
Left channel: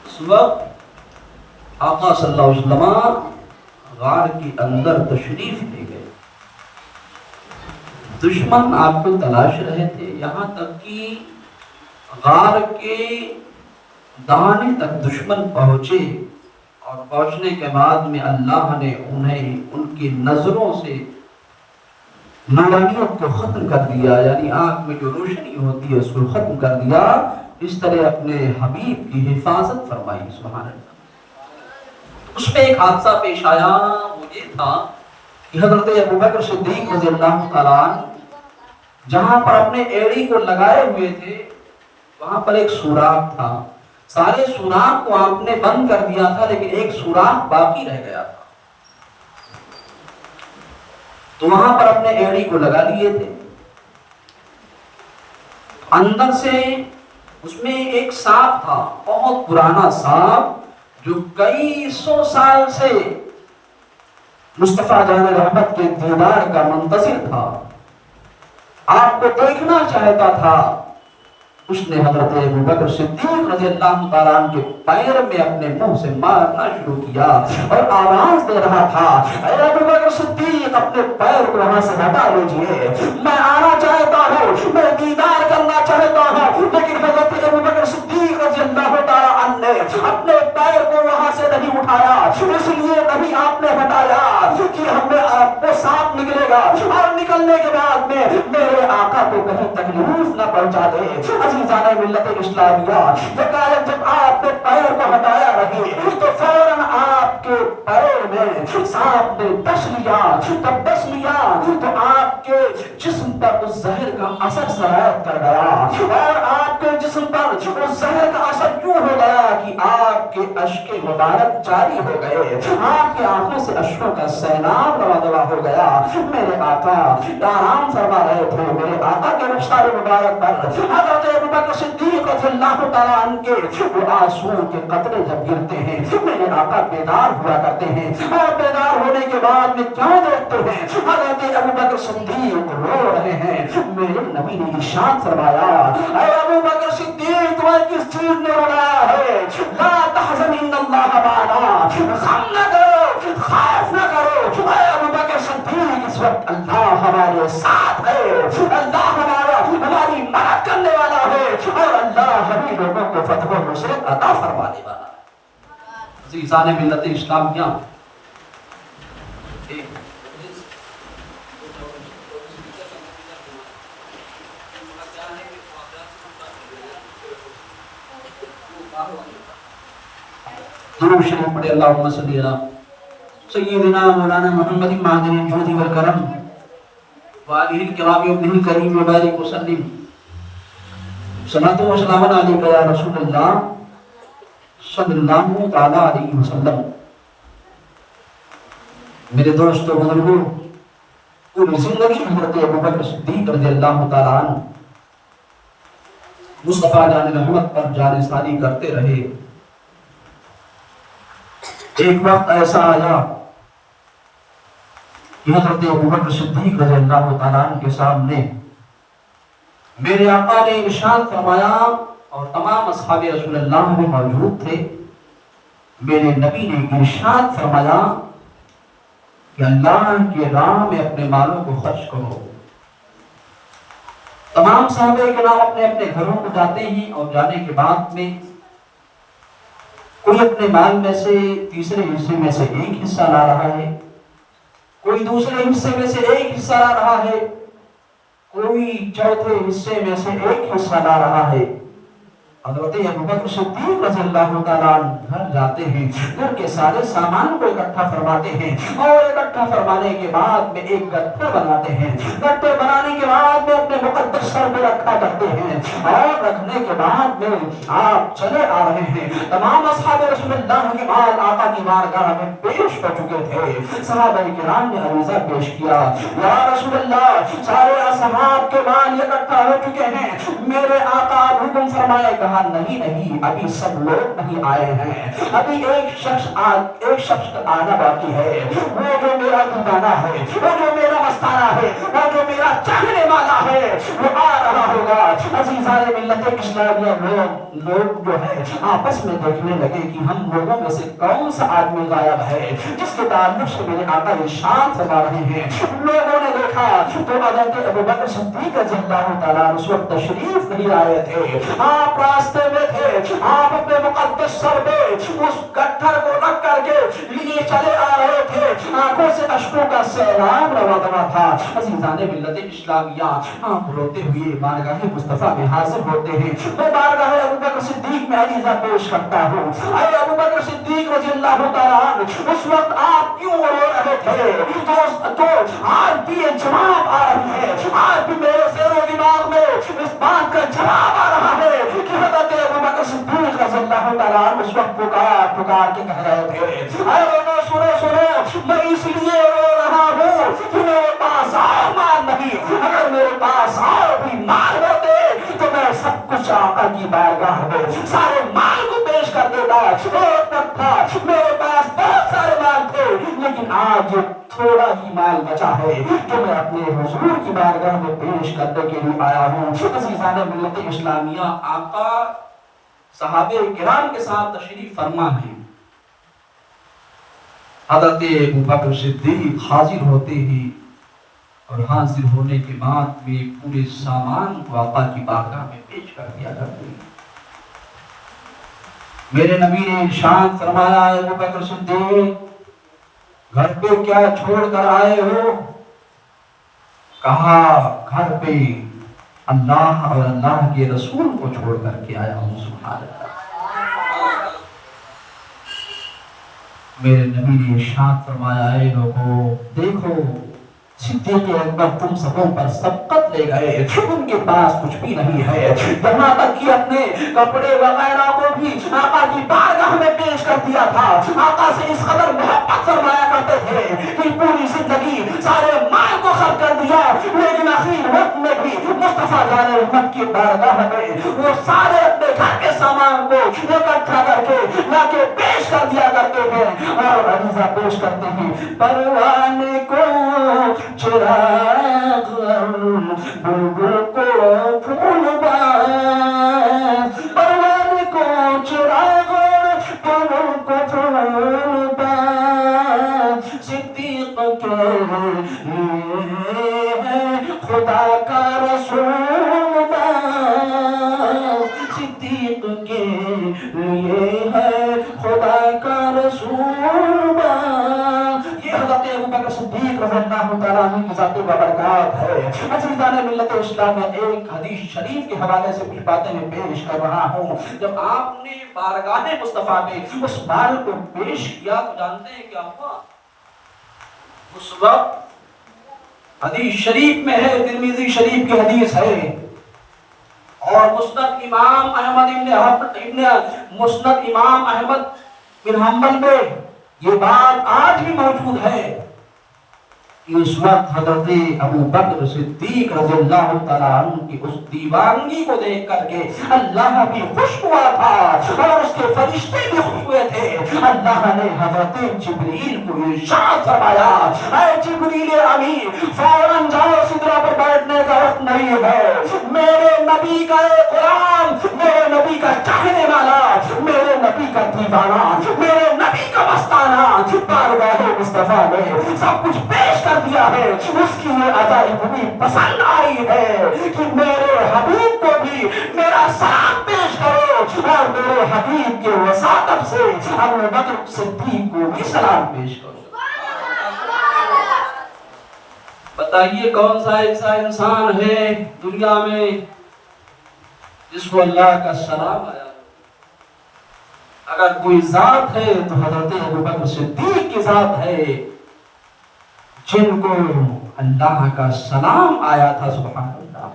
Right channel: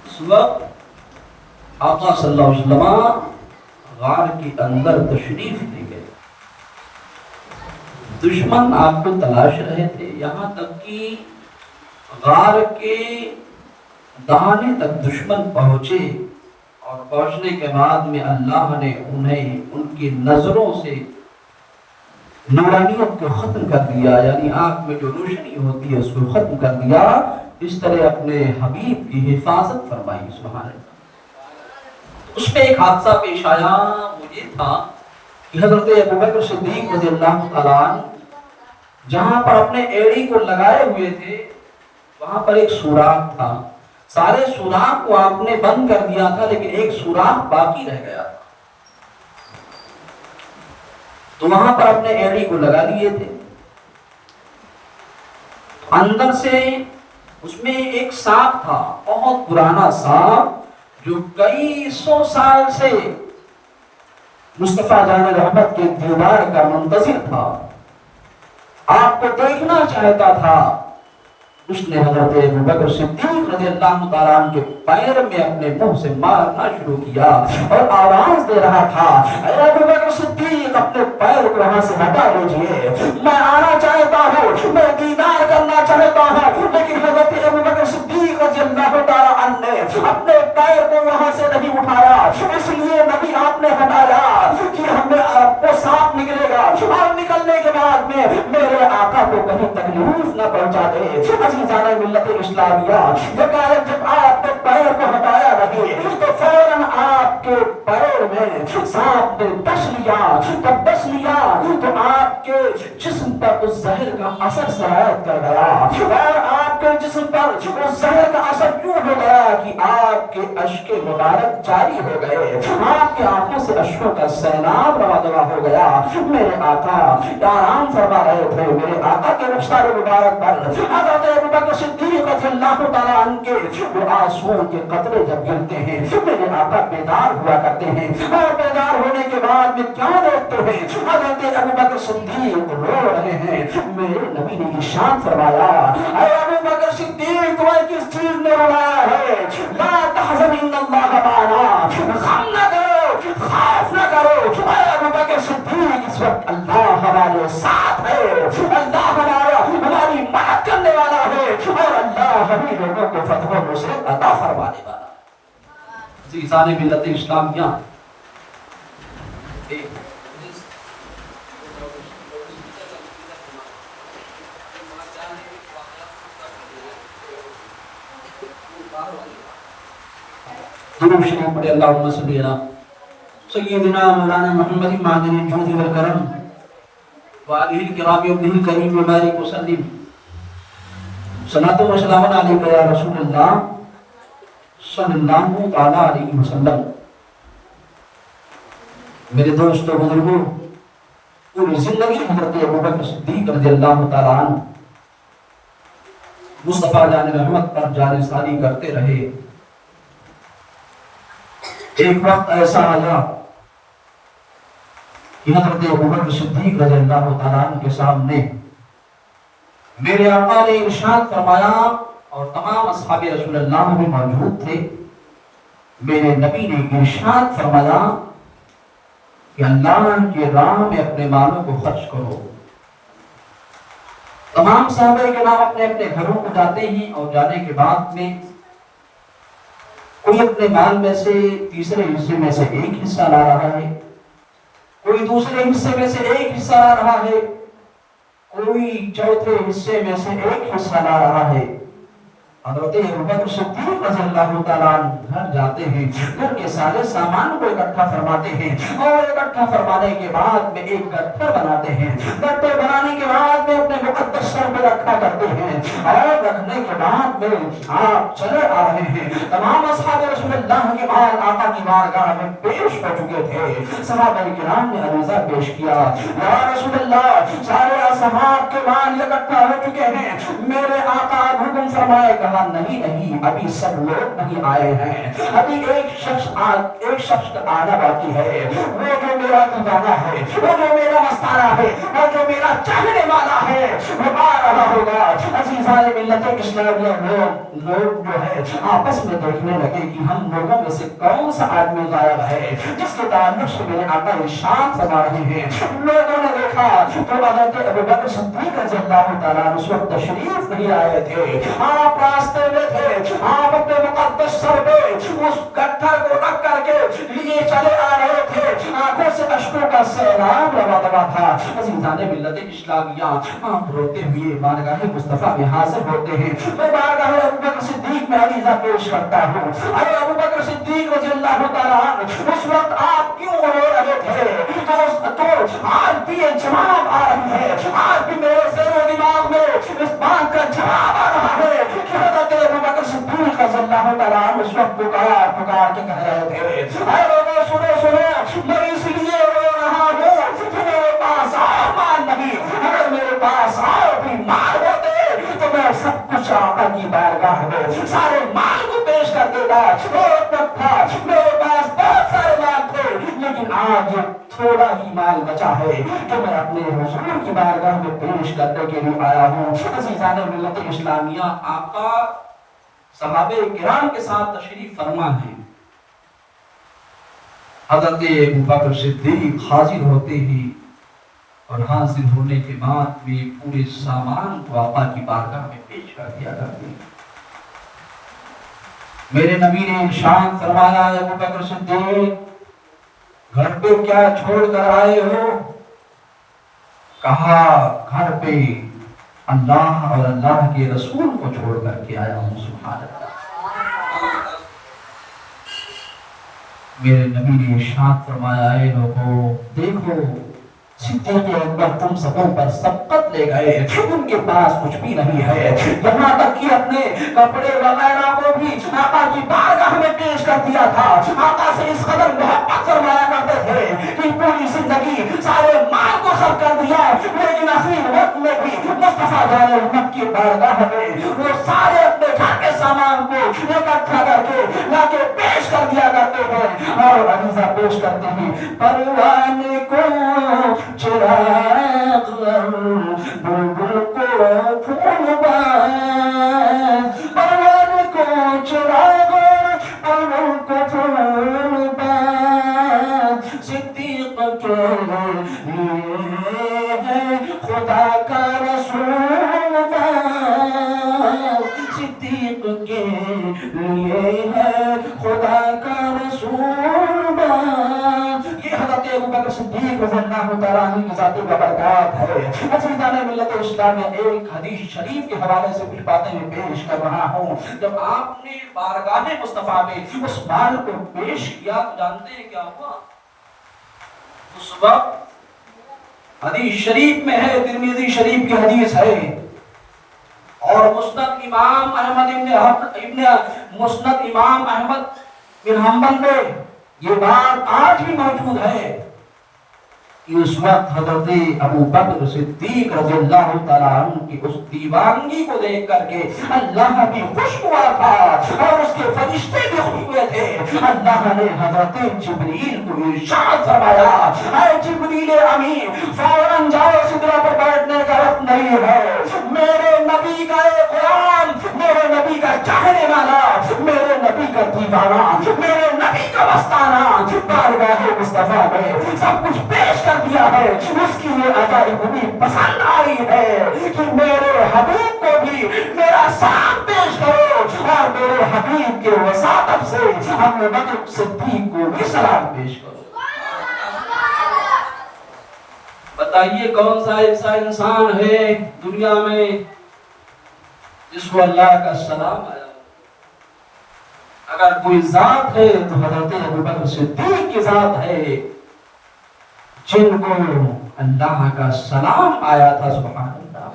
اس وقت آقا صلی اللہ علیہ وسلم غار کے اندر تشریف لے گئے، دشمن آپ کو تلاش رہے تھے، یہاں تک کہ غار کے دانے تک دشمن پہنچے، اور پہنچنے کے بعد میں اللہ نے انہیں ان کی نظروں سے نورانیت کو ختم کر دیا، یعنی آنکھ میں جو روشنی ہوتی ہے اس کو ختم کر دیا، اس طرح اپنے حبیب کی حفاظت فرمائی۔ سبحان اللہ۔ اس میں ایک حادثہ پیش آیا، وہ یہ تھا کہ حضرت ابوبکر صدیق رضی اللہ تعالیٰ عنہ جہاں پر اپنے ایڑی کو لگائے ہوئے تھے وہاں پر ایک سوراخ تھا، سارے سوراخ کو آپ نے بند کر دیا تھا لیکن ایک سوراخ باقی رہ گیا تھا، تو وہاں پر اپنے ایڑی کو لگا لیے تھے۔ اندر سے اس میں ایک سانپ تھا، بہت پرانا سانپ جو کئی سو سال سے مصطفیٰ جان رحمت کے دیدار کا منتظر تھا، آپ کو دیکھنا چاہتا تھا۔ اس نے حضرت ابوبکر صدیق رضی اللہ تعالیٰ عنہ کے پیر میں اپنے منہ سے مارنا شروع کیا اور آواز دے رہا تھا، اے ابوبکر صدیق اپنے پیر کو وہاں سے ہٹا دیجئے، میں آنا چاہتا ہوں، میں دیدار کرنا چاہتا ہوں، لیکن حضرت ابوبکر صدیق رضی اللہ تعالیٰ عنہ نے اپنے پیر کو وہاں سے نہیں اٹھایا، اس لیے نبی آپ نے ہٹایا کہ ہمیں آپ کو سانپ نکلے گا اور نکلنے کے بعد میں میرے آقا کو کہیں تکلیف نہ پہنچا دے۔ عزیزان ملت اسلامیہ، یکایک جب آپ نے پیر کو ہٹایا رہے تو فوراً آپ کے پیر میں سانپ نے ڈس لیا، جب ڈس لیا تو آپ کے جسم پر اس زہر کا اثر سرایت کر گیا اور آپ کے جسم پر اس زہر کا اثر کیوں ہو گیا کہ آپ کے اشک مبارک جاری ہو گئے، آپ کے آنکھوں سے اشکوں کا سیلاب رواں دواں ہو گیا۔ میرے آقا آرام فرما رہے تھے، میرے آقا کے رخسار مبارک پر حضرت ابوبکر صدیق رضی اللہ تعالیٰ عنہ کے وہ آنسوؤں کے قطرے جب گرتے ہیں میرے آقا بیدار ہوا کرتے ہیں، اور بیدار ہونے کے بعد میں کیا دیکھتے ہیں، حضرت ابوبکر صدیق رو رہے ہیں۔ میرے نبی نے ارشاد فرمایا، اے ابوبکر صدیق تمہیں کس چیز نے رلایا ہے؟ لا تحزن ان اللہ معنا، غم نہ کرو، خوف نہ کرو، اے ابوبکر صدیق اس وقت اللہ ہمارے ساتھ ہے، اللہ ہماری مدد کرنے والا ہے اور اللہ ہمیں لوگوں کو فتح و نصرت عطا فرمانے والا ہے۔ عزیزان ملت اسلامیہ، درود شریف پڑھے، اللہم صلی علی سیدنا مولانا محمد معدن الجود والکرم وآلہ الکرام وابنہ الکریم وبارک وسلم، صلاۃ و سلام علیک یا رسول اللہ صلی اللہ تعالی علیہ وسلم۔ میرے دوستو بزرگوں، پوری زندگی حضرت ابوبکر صدیق رضی اللہ تعالی عنہ مصطفیٰ جان رحمت پر جانثاری کرتے رہے۔ ایک وقت ایسا آیا کہ حضرت ابوبکر صدیق رضی اللہ تعالیٰ عنہ کے سامنے میرے آقا نے ارشاد فرمایا اور تمام اصحاب رسول اللہ بھی موجود تھے. میرے نبی نے ارشاد فرمایا کہ اللہ کے راہ میں اپنے مالوں کو خرچ کرو. تمام صحابہ کرام اپنے اپنے گھروں کو جاتے ہیں اور جانے کے بعد میں کوئی اپنے مال میں سے تیسرے حصے میں سے ایک حصہ لا رہا ہے, کوئی دوسرے حصے میں سے ایک حصہ لا رہا ہے, کوئی چوتھے حصے میں سے ایک حصہ لا رہا ہے. حضرت ابوبکر صدیق رضی اللہ تعالیٰ عنہ گھر جاتے ہیں, گھر کے سارے سامان کو اکٹھا فرماتے ہیں اور اکٹھا فرمانے کے بعد میں ایک گٹھا بناتے ہیں. گٹھے بنانے کے بعد میں اپنے مقدس سر پہ رکھا کرتے ہیں اور رکھنے کے بعد میں آپ چلے آ رہے ہیں. تمام اصحاب رسول اللہ کے بعد آقا کی بارگاہ میں پیش ہو چکے تھے. صحابہ کرام نے عریضہ پیش کیا, یا رسول اللہ سارے اصحاب کے مال اکٹھا ہو چکے ہیں, میرے آقا حکم فرمائے. کہا نہیں, ابھی سب لوگ نہیں آئے ہیں, ابھی ایک شخص آنا باقی ہے, وہ جو میرا خزانہ ہے, وہ جو میرا مستانہ ہے, وہ جو میرا چاہنے والا ہے, وہ آ رہا ہوگا. عزیزان ملت اسلامیہ لوگ جو ہے آپس میں دیکھنے لگے کہ ہم لوگوں میں سے کون سا آدمی غائب ہے جس کے تعلق سے میرے آقا ارشاد فرما رہے ہیں. لوگوں نے دیکھا تو حضرت ابوبکر صدیق رضی اللہ تعالیٰ عنہ اس وقت تشریف نہیں آئے تھے. آپ راستے میں تھے, آپ اپنے مقدس سر پہ اس گٹھر کو رکھ کر کے لیے چلے آ رہے تھے. آنکھوں سے اشکوں کا سیلاب روا دوا تھا. عزیزان ملت اسلامیہ آپ روتے ہوئے بارگاہ مصطفیٰ میں حاضر ہوتے ہیں. میں بارگاہ ابوبکر صدیق میں عریضہ پیش کرتا ہوں, اے ابوبکر صدیق رضی اللہ تعالیٰ عنہ اس وقت آپ کیوں رو رہے تھے؟ تو آج بھی یہ جواب آ رہی ہے, آج بھی میرے زیر و دماغ میں اس بات کا جواب آ رہا ہے کہ حضرت ابوبکر صدیق رضی اللہ تعالیٰ عنہ اس وقت پکار کے کہہ رہے تھے, اے لوگوں سنو, میں اس لیے رو رہا ہوں کہ میرے پاس اور مال نہیں. اگر میرے پاس اور بھی مال ہوتے تو میں سب کچھ آقا کی بارگاہ میں سارے مال کو پیش کر دیتا. ایک وقت تھا میرے پاس بہت سارے مال تھے, لیکن آج تھوڑا ہی مال بچا ہے جو میں اپنے حضور کی بارگاہ میں پیش کرنے کے لیے آیا ہوں. عزیزان ملت اسلامیہ آقا صحابہ کرام کے ساتھ تشریف فرما ہے. حضرت ابوبکر صدیق حاضر ہوتے ہی اور حاضر ہونے کے بعد بھی پورے سامان کو آقا کی بارگاہ میں پیش کر دیا کرتے ہیں. میرے نبی نے ارشاد فرمایا, ابوبکر صدیق گھر پہ کیا چھوڑ کر آئے ہو؟ کہا گھر پہ اللہ اور اللہ کے رسول کو چھوڑ کر کے آیا ہوں. سبحان اللہ. میرے نبی نے ارشاد فرمایا, اے لوگوں دیکھو, صدیق اکبر تم سبوں پر سبقت لے گئے, ان کے پاس کچھ بھی نہیں ہے, یہاں تک کہ اپنے کپڑے وغیرہ کو بھی آقا کی بارگاہ میں پیش کر دیا تھا. آقا سے اس قدر محبت فرمایا کرتے تھے کہ پوری زندگی سارے مال کو خرچ کر دیا, لیکن آخری وقت میں بھی مصطفیٰ جان امت کی بارگاہ میں وہ سارے اپنے گھر کے سامان کو اکٹھا کر کے لا کے پیش کر دیا کرتے ہیں اور عریضہ پیش کرتے ہیں. پروان کو چراغ بلبل کو پھول باز, پروان کو چراغ بلبل کو پھول باز, صدیق کے لیے ہے خدا کا رسول باز, صدیق کے لیے ہے خدا کا رسول باز. یہ حضرت ابوبکر صدیق رضی اللہ تعالیٰ عنہ کی ذات بابرکات ہے. عزیزان ملت اسلام میں ایک حدیث شریف کے حوالے سے کچھ باتیں میں پیش کر رہا ہوں. جب آپ نے بارگاہ مصطفیٰ میں اس مال کو پیش کیا تو جانتے ہیں کیا ہوا؟ اس وقت حدیث شریف میں ہے, ترمذی شریف کی حدیث ہے اور مسند امام احمد بن حنبل میں یہ بات آج بھی موجود ہے کہ اس وقت حضرت ابوبکر صدیق رضی اللہ تعالیٰ عنہ کی اس دیوانگی کو دیکھ کر کے اللہ بھی خوش ہوا تھا اور اس کے فرشتے بھی خوش ہوئے تھے. اللہ نے حضرت جبریل کو ارشاد فرمایا اے جبریل امین فوراً جاؤ سدرہ پر بیٹھنے کا وقت نہیں ہے، میرے نبی کا ایک غلام، میرے نبی کا چاہنے والا، میرے نبی کا دیوانہ، میرے نبی کا مستانہ بارگاہ مصطفیٰ میں سب کچھ پیش کر دیا ہے، اس کی یہ عجائب بھی پسند آئی ہے کہ میرے حبیب کو بھی میرا سلام پیش کرو اور میرے حبیب کے وساطت سے ابو بکر صدیق کو بھی سلام پیش کرو۔ بتائیے کون سا ایسا انسان ہے دنیا میں جس کو اللہ کا سلام آیا؟ اگر کوئی ذات ہے تو حضرت ابو بکر صدیق کی ذات ہے جن کو اللہ کا سلام آیا تھا۔ سبحان اللہ،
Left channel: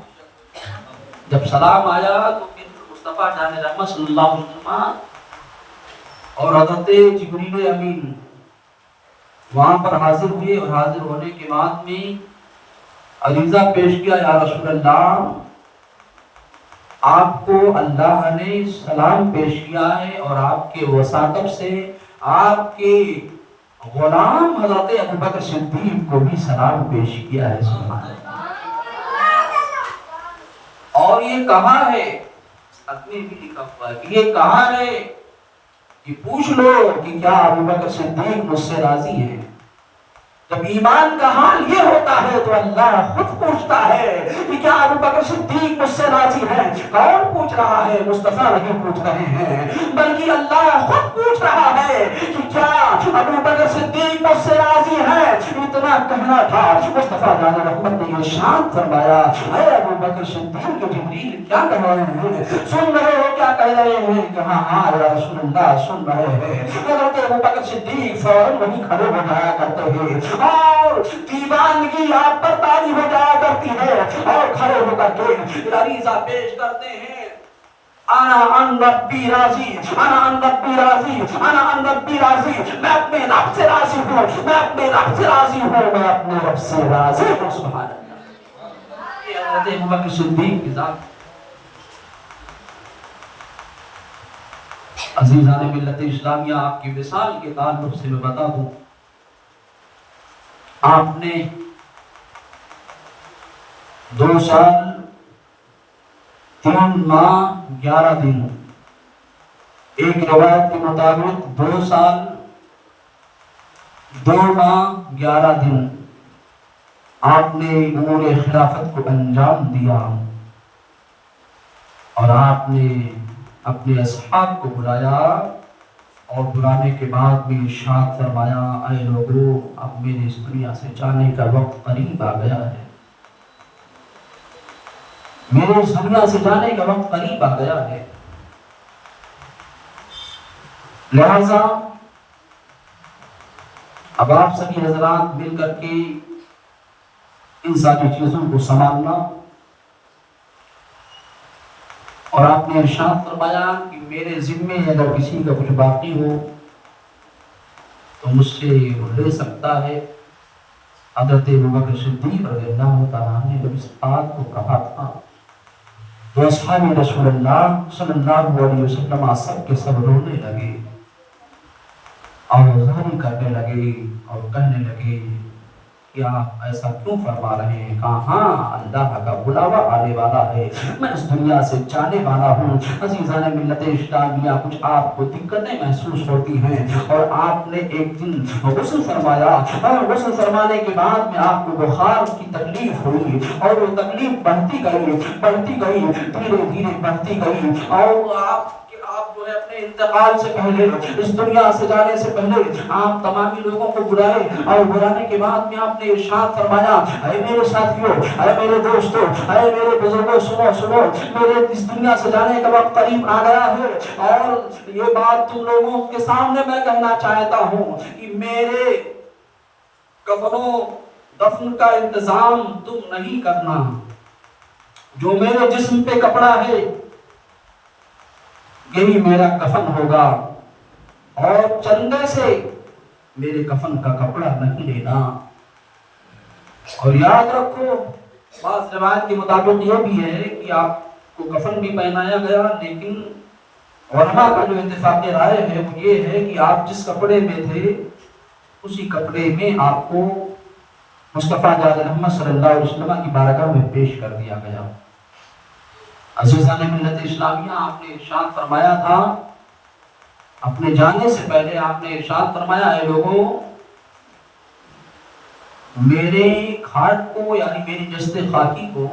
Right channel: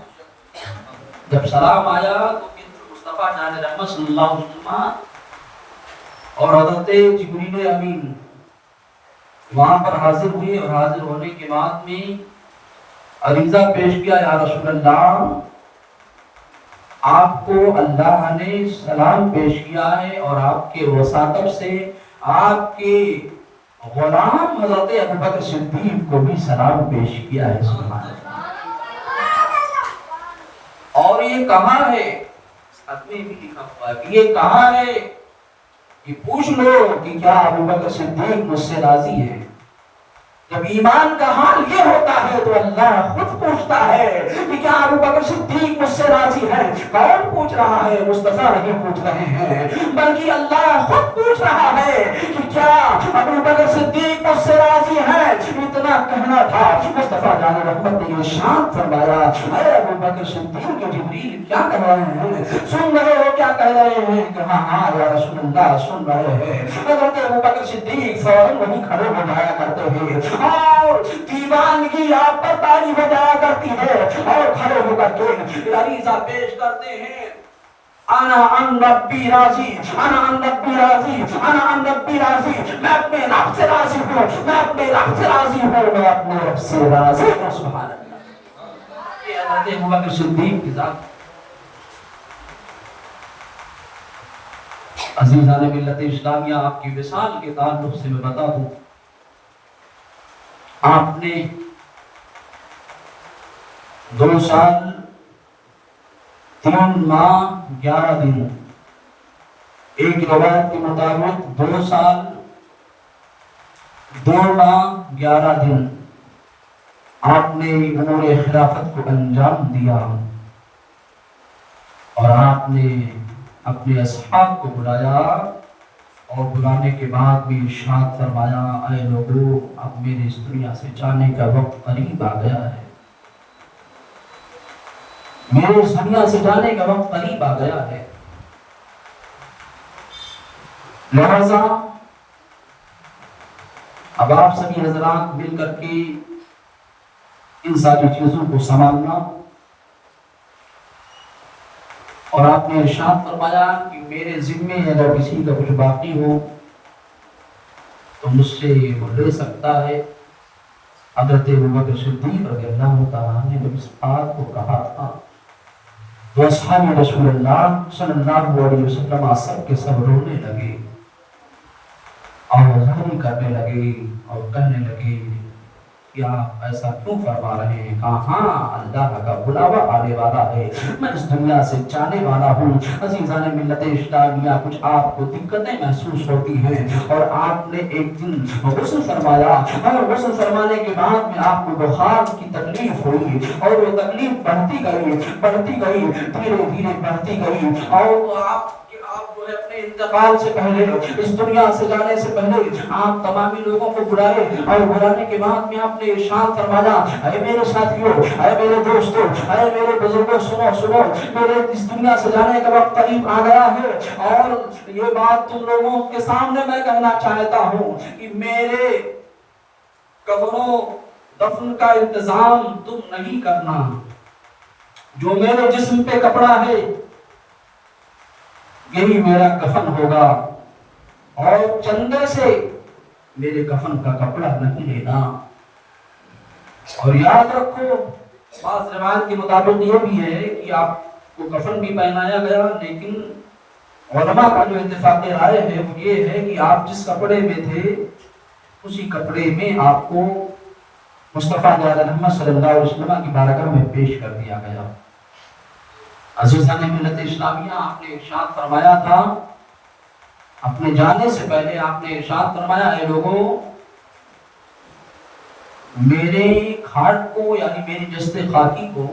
جب سلام آیا تو مصطفیٰ جان رحمت صلی اللہ علیہ وسلم اور حضرت جبریل امین وہاں پر حاضر ہوئے، اور حاضر ہونے کے بعد میں عریضہ پیش کیا، یا رسول اللہ آپ کو اللہ نے سلام پیش کیا ہے اور آپ کے وساطت سے آپ کے غلام حضرت ابو بکر صدیق کو بھی سلام پیش کیا ہے۔ سبحان اللہ۔ اور یہ کہاں ہے؟ بھی لکھا ہوا ہے کہ یہ کہاں ہے، کہ پوچھ لو کہ کیا ابو بکر صدیق مجھ سے راضی ہے۔ جب ایمان کا حال یہ ہوتا ہے تو اللہ خود پوچھتا ہے کہ کیا ابو بکر صدیق مجھ سے راضی ہے؟ کون پوچھ رہا ہے؟ مصطفیٰ نہیں پوچھ رہے ہیں، بلکہ اللہ خود پوچھ رہا ہے کہ کیا ابو بکر صدیق مجھ سے راضی ہے؟ اتنا کہنا تھا، مصطفیٰ جان رحمت نے ارشاد فرمایا اے ابو بکر صدیق کو جبریل کیا کہہ رہے ہیں؟ سن رہے ہو کیا کہہ رہے ہیں؟ کہا ہاں یا رسول اللہ سن رہے ہیں۔ حضرت ابو بکر صدیق فوراً وہیں کھڑے ہو جایا کرتے ہیں اور دیوانگی آپ پر تاری ہو جایا کرتی ہے، اور کھڑے ہو کر کے عریضہ پیش کرتے ہیں، انا ان ربی راضی، انا ان ربی راضی، انا ان ربی راضی، میں اپنے رب سے راضی ہوں، میں اپنے رب سے راضی ہوں، میں اپنے رب سے راضی ہوں۔ سبحان اللہ۔ یہ حضرت ابو بکر صدیق کی ذات۔ عزیزان ملت اسلامیہ، آپ کی وصال کے تعلق سے میں بتا دوں، آپ نے 2 سال 3 ماہ 11 دن، ایک روایت کے مطابق 2 سال 2 ماہ 11 دن آپ نے امور خلافت کو انجام دیا، اور آپ نے اپنے اصحاب کو بلایا، اور بلانے کے بعد بھی ارشاد فرمایا اے لوگو اب میرے اس دنیا سے جانے کا وقت قریب آ گیا ہے، میرے اس دنیا سے جانے کا وقت قریب آ گیا ہے، لہذا اب آپ سبھی حضرات مل کر کے ان ساری چیزوں کو سنبھالنا، اور آپ نے ارشاد فرمایا کہ میرے ذمے اگر کسی کا کچھ باقی ہو تو مجھ سے وہ لے سکتا ہے۔ حضرت ابو بکر صدیق رضی اللہ تعالیٰ نے جب اس بات کو کہا تھا تو اصحاب رسول اللہ صلی اللہ علیہ وسلم سب کے سب رونے لگے، آوازیں کرنے لگے اور کہنے لگے کہ آپ ایسا کیوں فرما رہے ہیں؟ کہا ہاں اللہ کا بلاوا آنے والا ہے، میں اس دنیا سے جانے والا ہوں۔ عزیزان ملت اسلامیہ، کچھ آپ کو دقتیں محسوس ہوتی ہیں، اور آپ نے ایک دن غسل فرمایا، اور غسل فرمانے کے بعد میں آپ کو بخار کی تکلیف ہوئی، اور وہ تکلیف بڑھتی گئی دھیرے دھیرے بڑھتی گئی، اور آپ جو ہے اپنے انتقال سے پہلے، اس دنیا سے جانے سے پہلے آپ تمامی لوگوں کو بلائے، اور بلانے کے بعد میں آپ نے ارشاد فرمایا اے میرے ساتھیوں، اے میرے دوستوں، اے میرے بزرگوں، سنو، میرے اس دنیا سے جانے کا وقت قریب آ گیا ہے، اور یہ بات تم لوگوں کے سامنے میں کہنا چاہتا ہوں کہ میرے کفن و دفن کا انتظام تم نہیں کرنا، جو میرے جسم پہ کپڑا ہے یہی میرا کفن ہوگا، اور چندے سے میرے کفن کا کپڑا نہیں لینا۔ اور یاد رکھو، بعض روایت کے مطابق یہ بھی ہے کہ آپ کو کفن بھی پہنایا گیا، لیکن علماء کا جو اتفاق رائے ہے وہ یہ ہے کہ آپ جس کپڑے میں تھے اسی کپڑے میں آپ کو مصطفیٰ جناب محمد صلی اللہ علیہ وسلم کی بارگاہ میں پیش کر دیا گیا۔ عزیزان ملت اسلامیہ، آپ نے ارشاد فرمایا تھا، اپنے جانے سے پہلے آپ نے ارشاد فرمایا، اے لوگوں، میرے کھاٹ کو یعنی میری جسد خاکی کو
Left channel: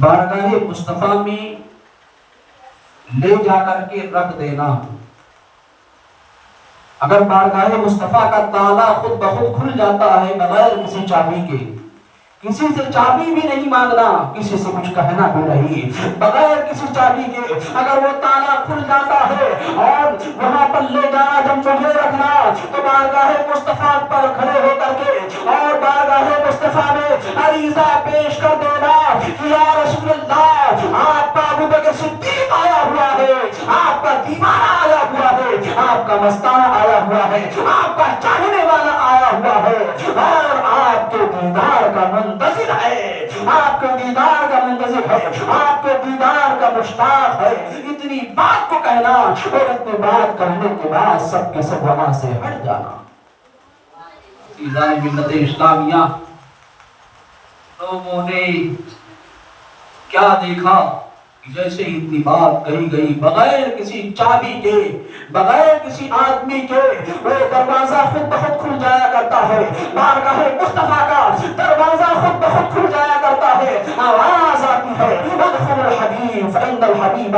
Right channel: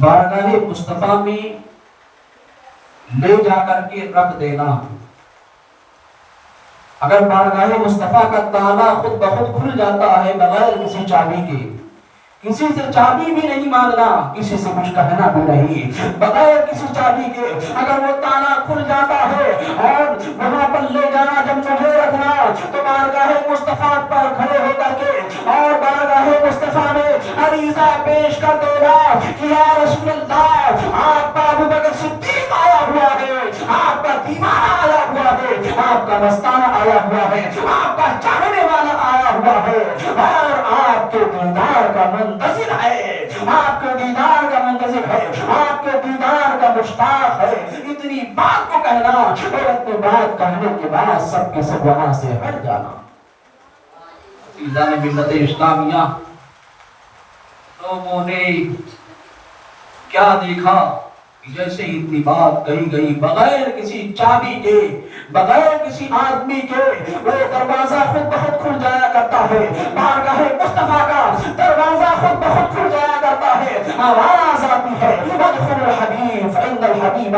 بارگاہ مصطفیٰ میں لے جا کر کے رکھ دینا۔ اگر بارگاہ مصطفیٰ کا تالا خود بخود کھل جاتا ہے بغیر کسی چابی کے، کسی سے چابی بھی نہیں مانگنا، کسی سے کچھ کہنا بھی نہیں، بغیر کسی چابی کے اگر وہ تالا کھل جاتا ہے اور وہاں پر لے جانا جب مجھے رکھنا، تو بارگاہ مصطفیٰ پر کھڑے ہو کر کے اور بارگاہ مصطفیٰ میں عریضہ پیش کر دینا کہ یا رسول اللہ، آپ کا ابو بکر صدیق آیا ہوا ہے، آپ کا دیوانہ آیا ہوا ہے، آپ کا مستانہ آیا ہوا ہے، آپ کا چاہنے والا آیا ہوا ہے، اور آپ کے دیدار کا منتظر ہے، آپ کے دیدار کا منتظر ہے، آپ کے دیدار کا مشتاق ہے۔ اتنی بات کو کہنا اور اتنی بات کہنے کے بعد سب کے سب وہاں سے ہٹ جانا۔ عزیزان ملت اسلامیہ، لوگوں نے کیا دیکھا؟ جیسے اتنی بات کہی گئی، بغیر کسی چابی کے، بغیر کسی آدمی کے وہ دروازہ خود بخود کھل جایا کرتا ہے، بارگاہ مصطفیٰ کا دروازہ خود بخود کھل جایا کرتا ہے، آواز آتی ہے، ادخل الحبیب فإن الحبیب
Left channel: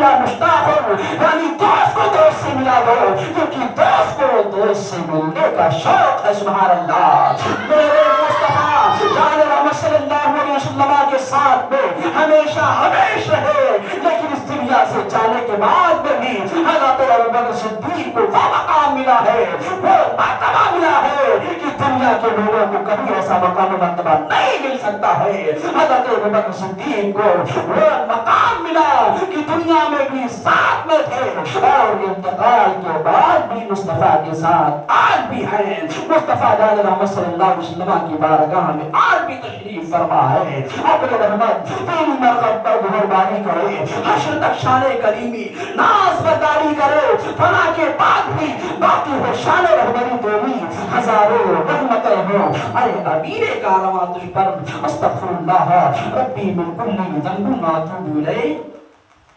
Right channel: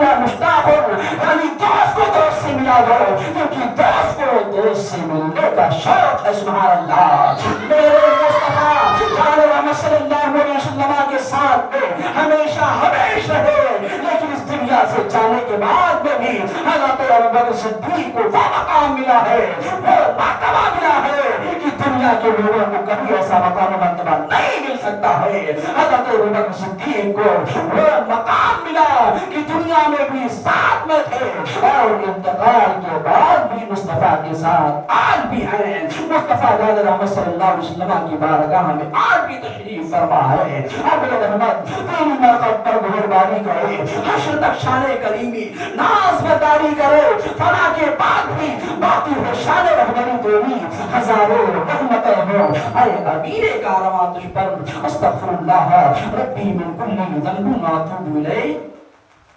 لا مشتاق، یعنی دوست کو دوست سے ملا دو، کیونکہ دوست کو دوست سے ملنے کا شوق ہے۔ سبحان اللہ۔ میرے مصطفیٰ جان محمد صلی اللہ علیہ وسلم کے ساتھ میں ہمیشہ ہمیشہ رہے، لیکن اس دنیا سے جانے کے بعد میں بھی حضرت ابوبکر صدیق کو وہ مقام ملا ہے، وہ مرتبہ ملا ہے کہ دنیا کے لوگوں کو کبھی ایسا مقام مرتبہ نہیں مل سکتا ہے۔ حضرت ابوبکر صدیق کو وہ مقام ملا کہ دنیا میں بھی ساتھ میں تھے اور انتقال کے بعد بھی مصطفیٰ کے ساتھ آج بھی ہیں۔ مصطفیٰ جان محمد صلی اللہ علیہ وسلم کی بارگاہ میں آج بھی تشریف فرما ہے۔ اب رحمت تیری مرقب پر مہربانی کرے، حشر تک شان کریمی ناز بداری کرے، فنا کے بعد بھی باقی ہے شان رہبری تیری، ہزاروں رحمتیں ہوں اے امیر کارواں تجھ پر، استغفر اللہ ربی من کل ذنب واتوب الیہ۔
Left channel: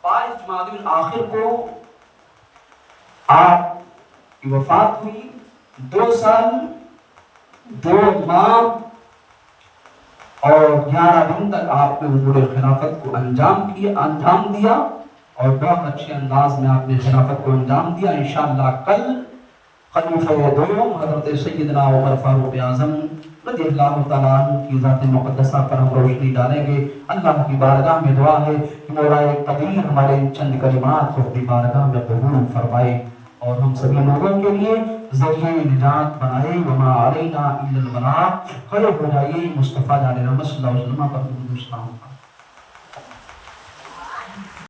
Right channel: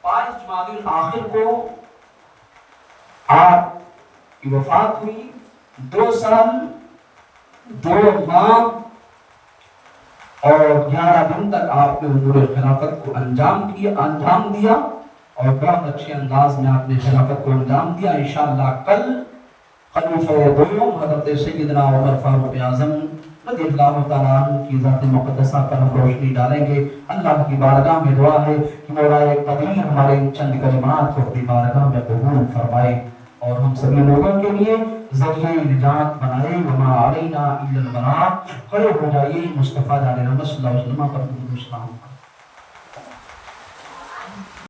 22 جمادی الاخر کو آپ کی وفات ہوئی، 2 سال 2 ماہ اور 11 دن تک آپ نے امور خلافت کو انجام دیا اور بہت اچھے انداز میں آپ نے خلافت کو انجام دیا۔ انشاءاللہ کل خلیفہ دوم حضرت سیدنا عمر فاروق اعظم رضی اللہ تعالیٰ عنہ کی ذات مقدسہ پر ہم روشنی ڈالیں گے۔ اللہ کی بارگاہ میں دعا ہے کہ مولا کبیر ہمارے چند کلمات کو اپنی بارگاہ میں قبول فرمائے اور ہم سبھی لوگوں کے لیے ذریعہ نجات بنائے۔ وما علینا الا البلاغ۔ کھڑے ہو جائیے، مصطفیٰ جان محمد صلی اللہ علیہ وسلم پر درود و سلام۔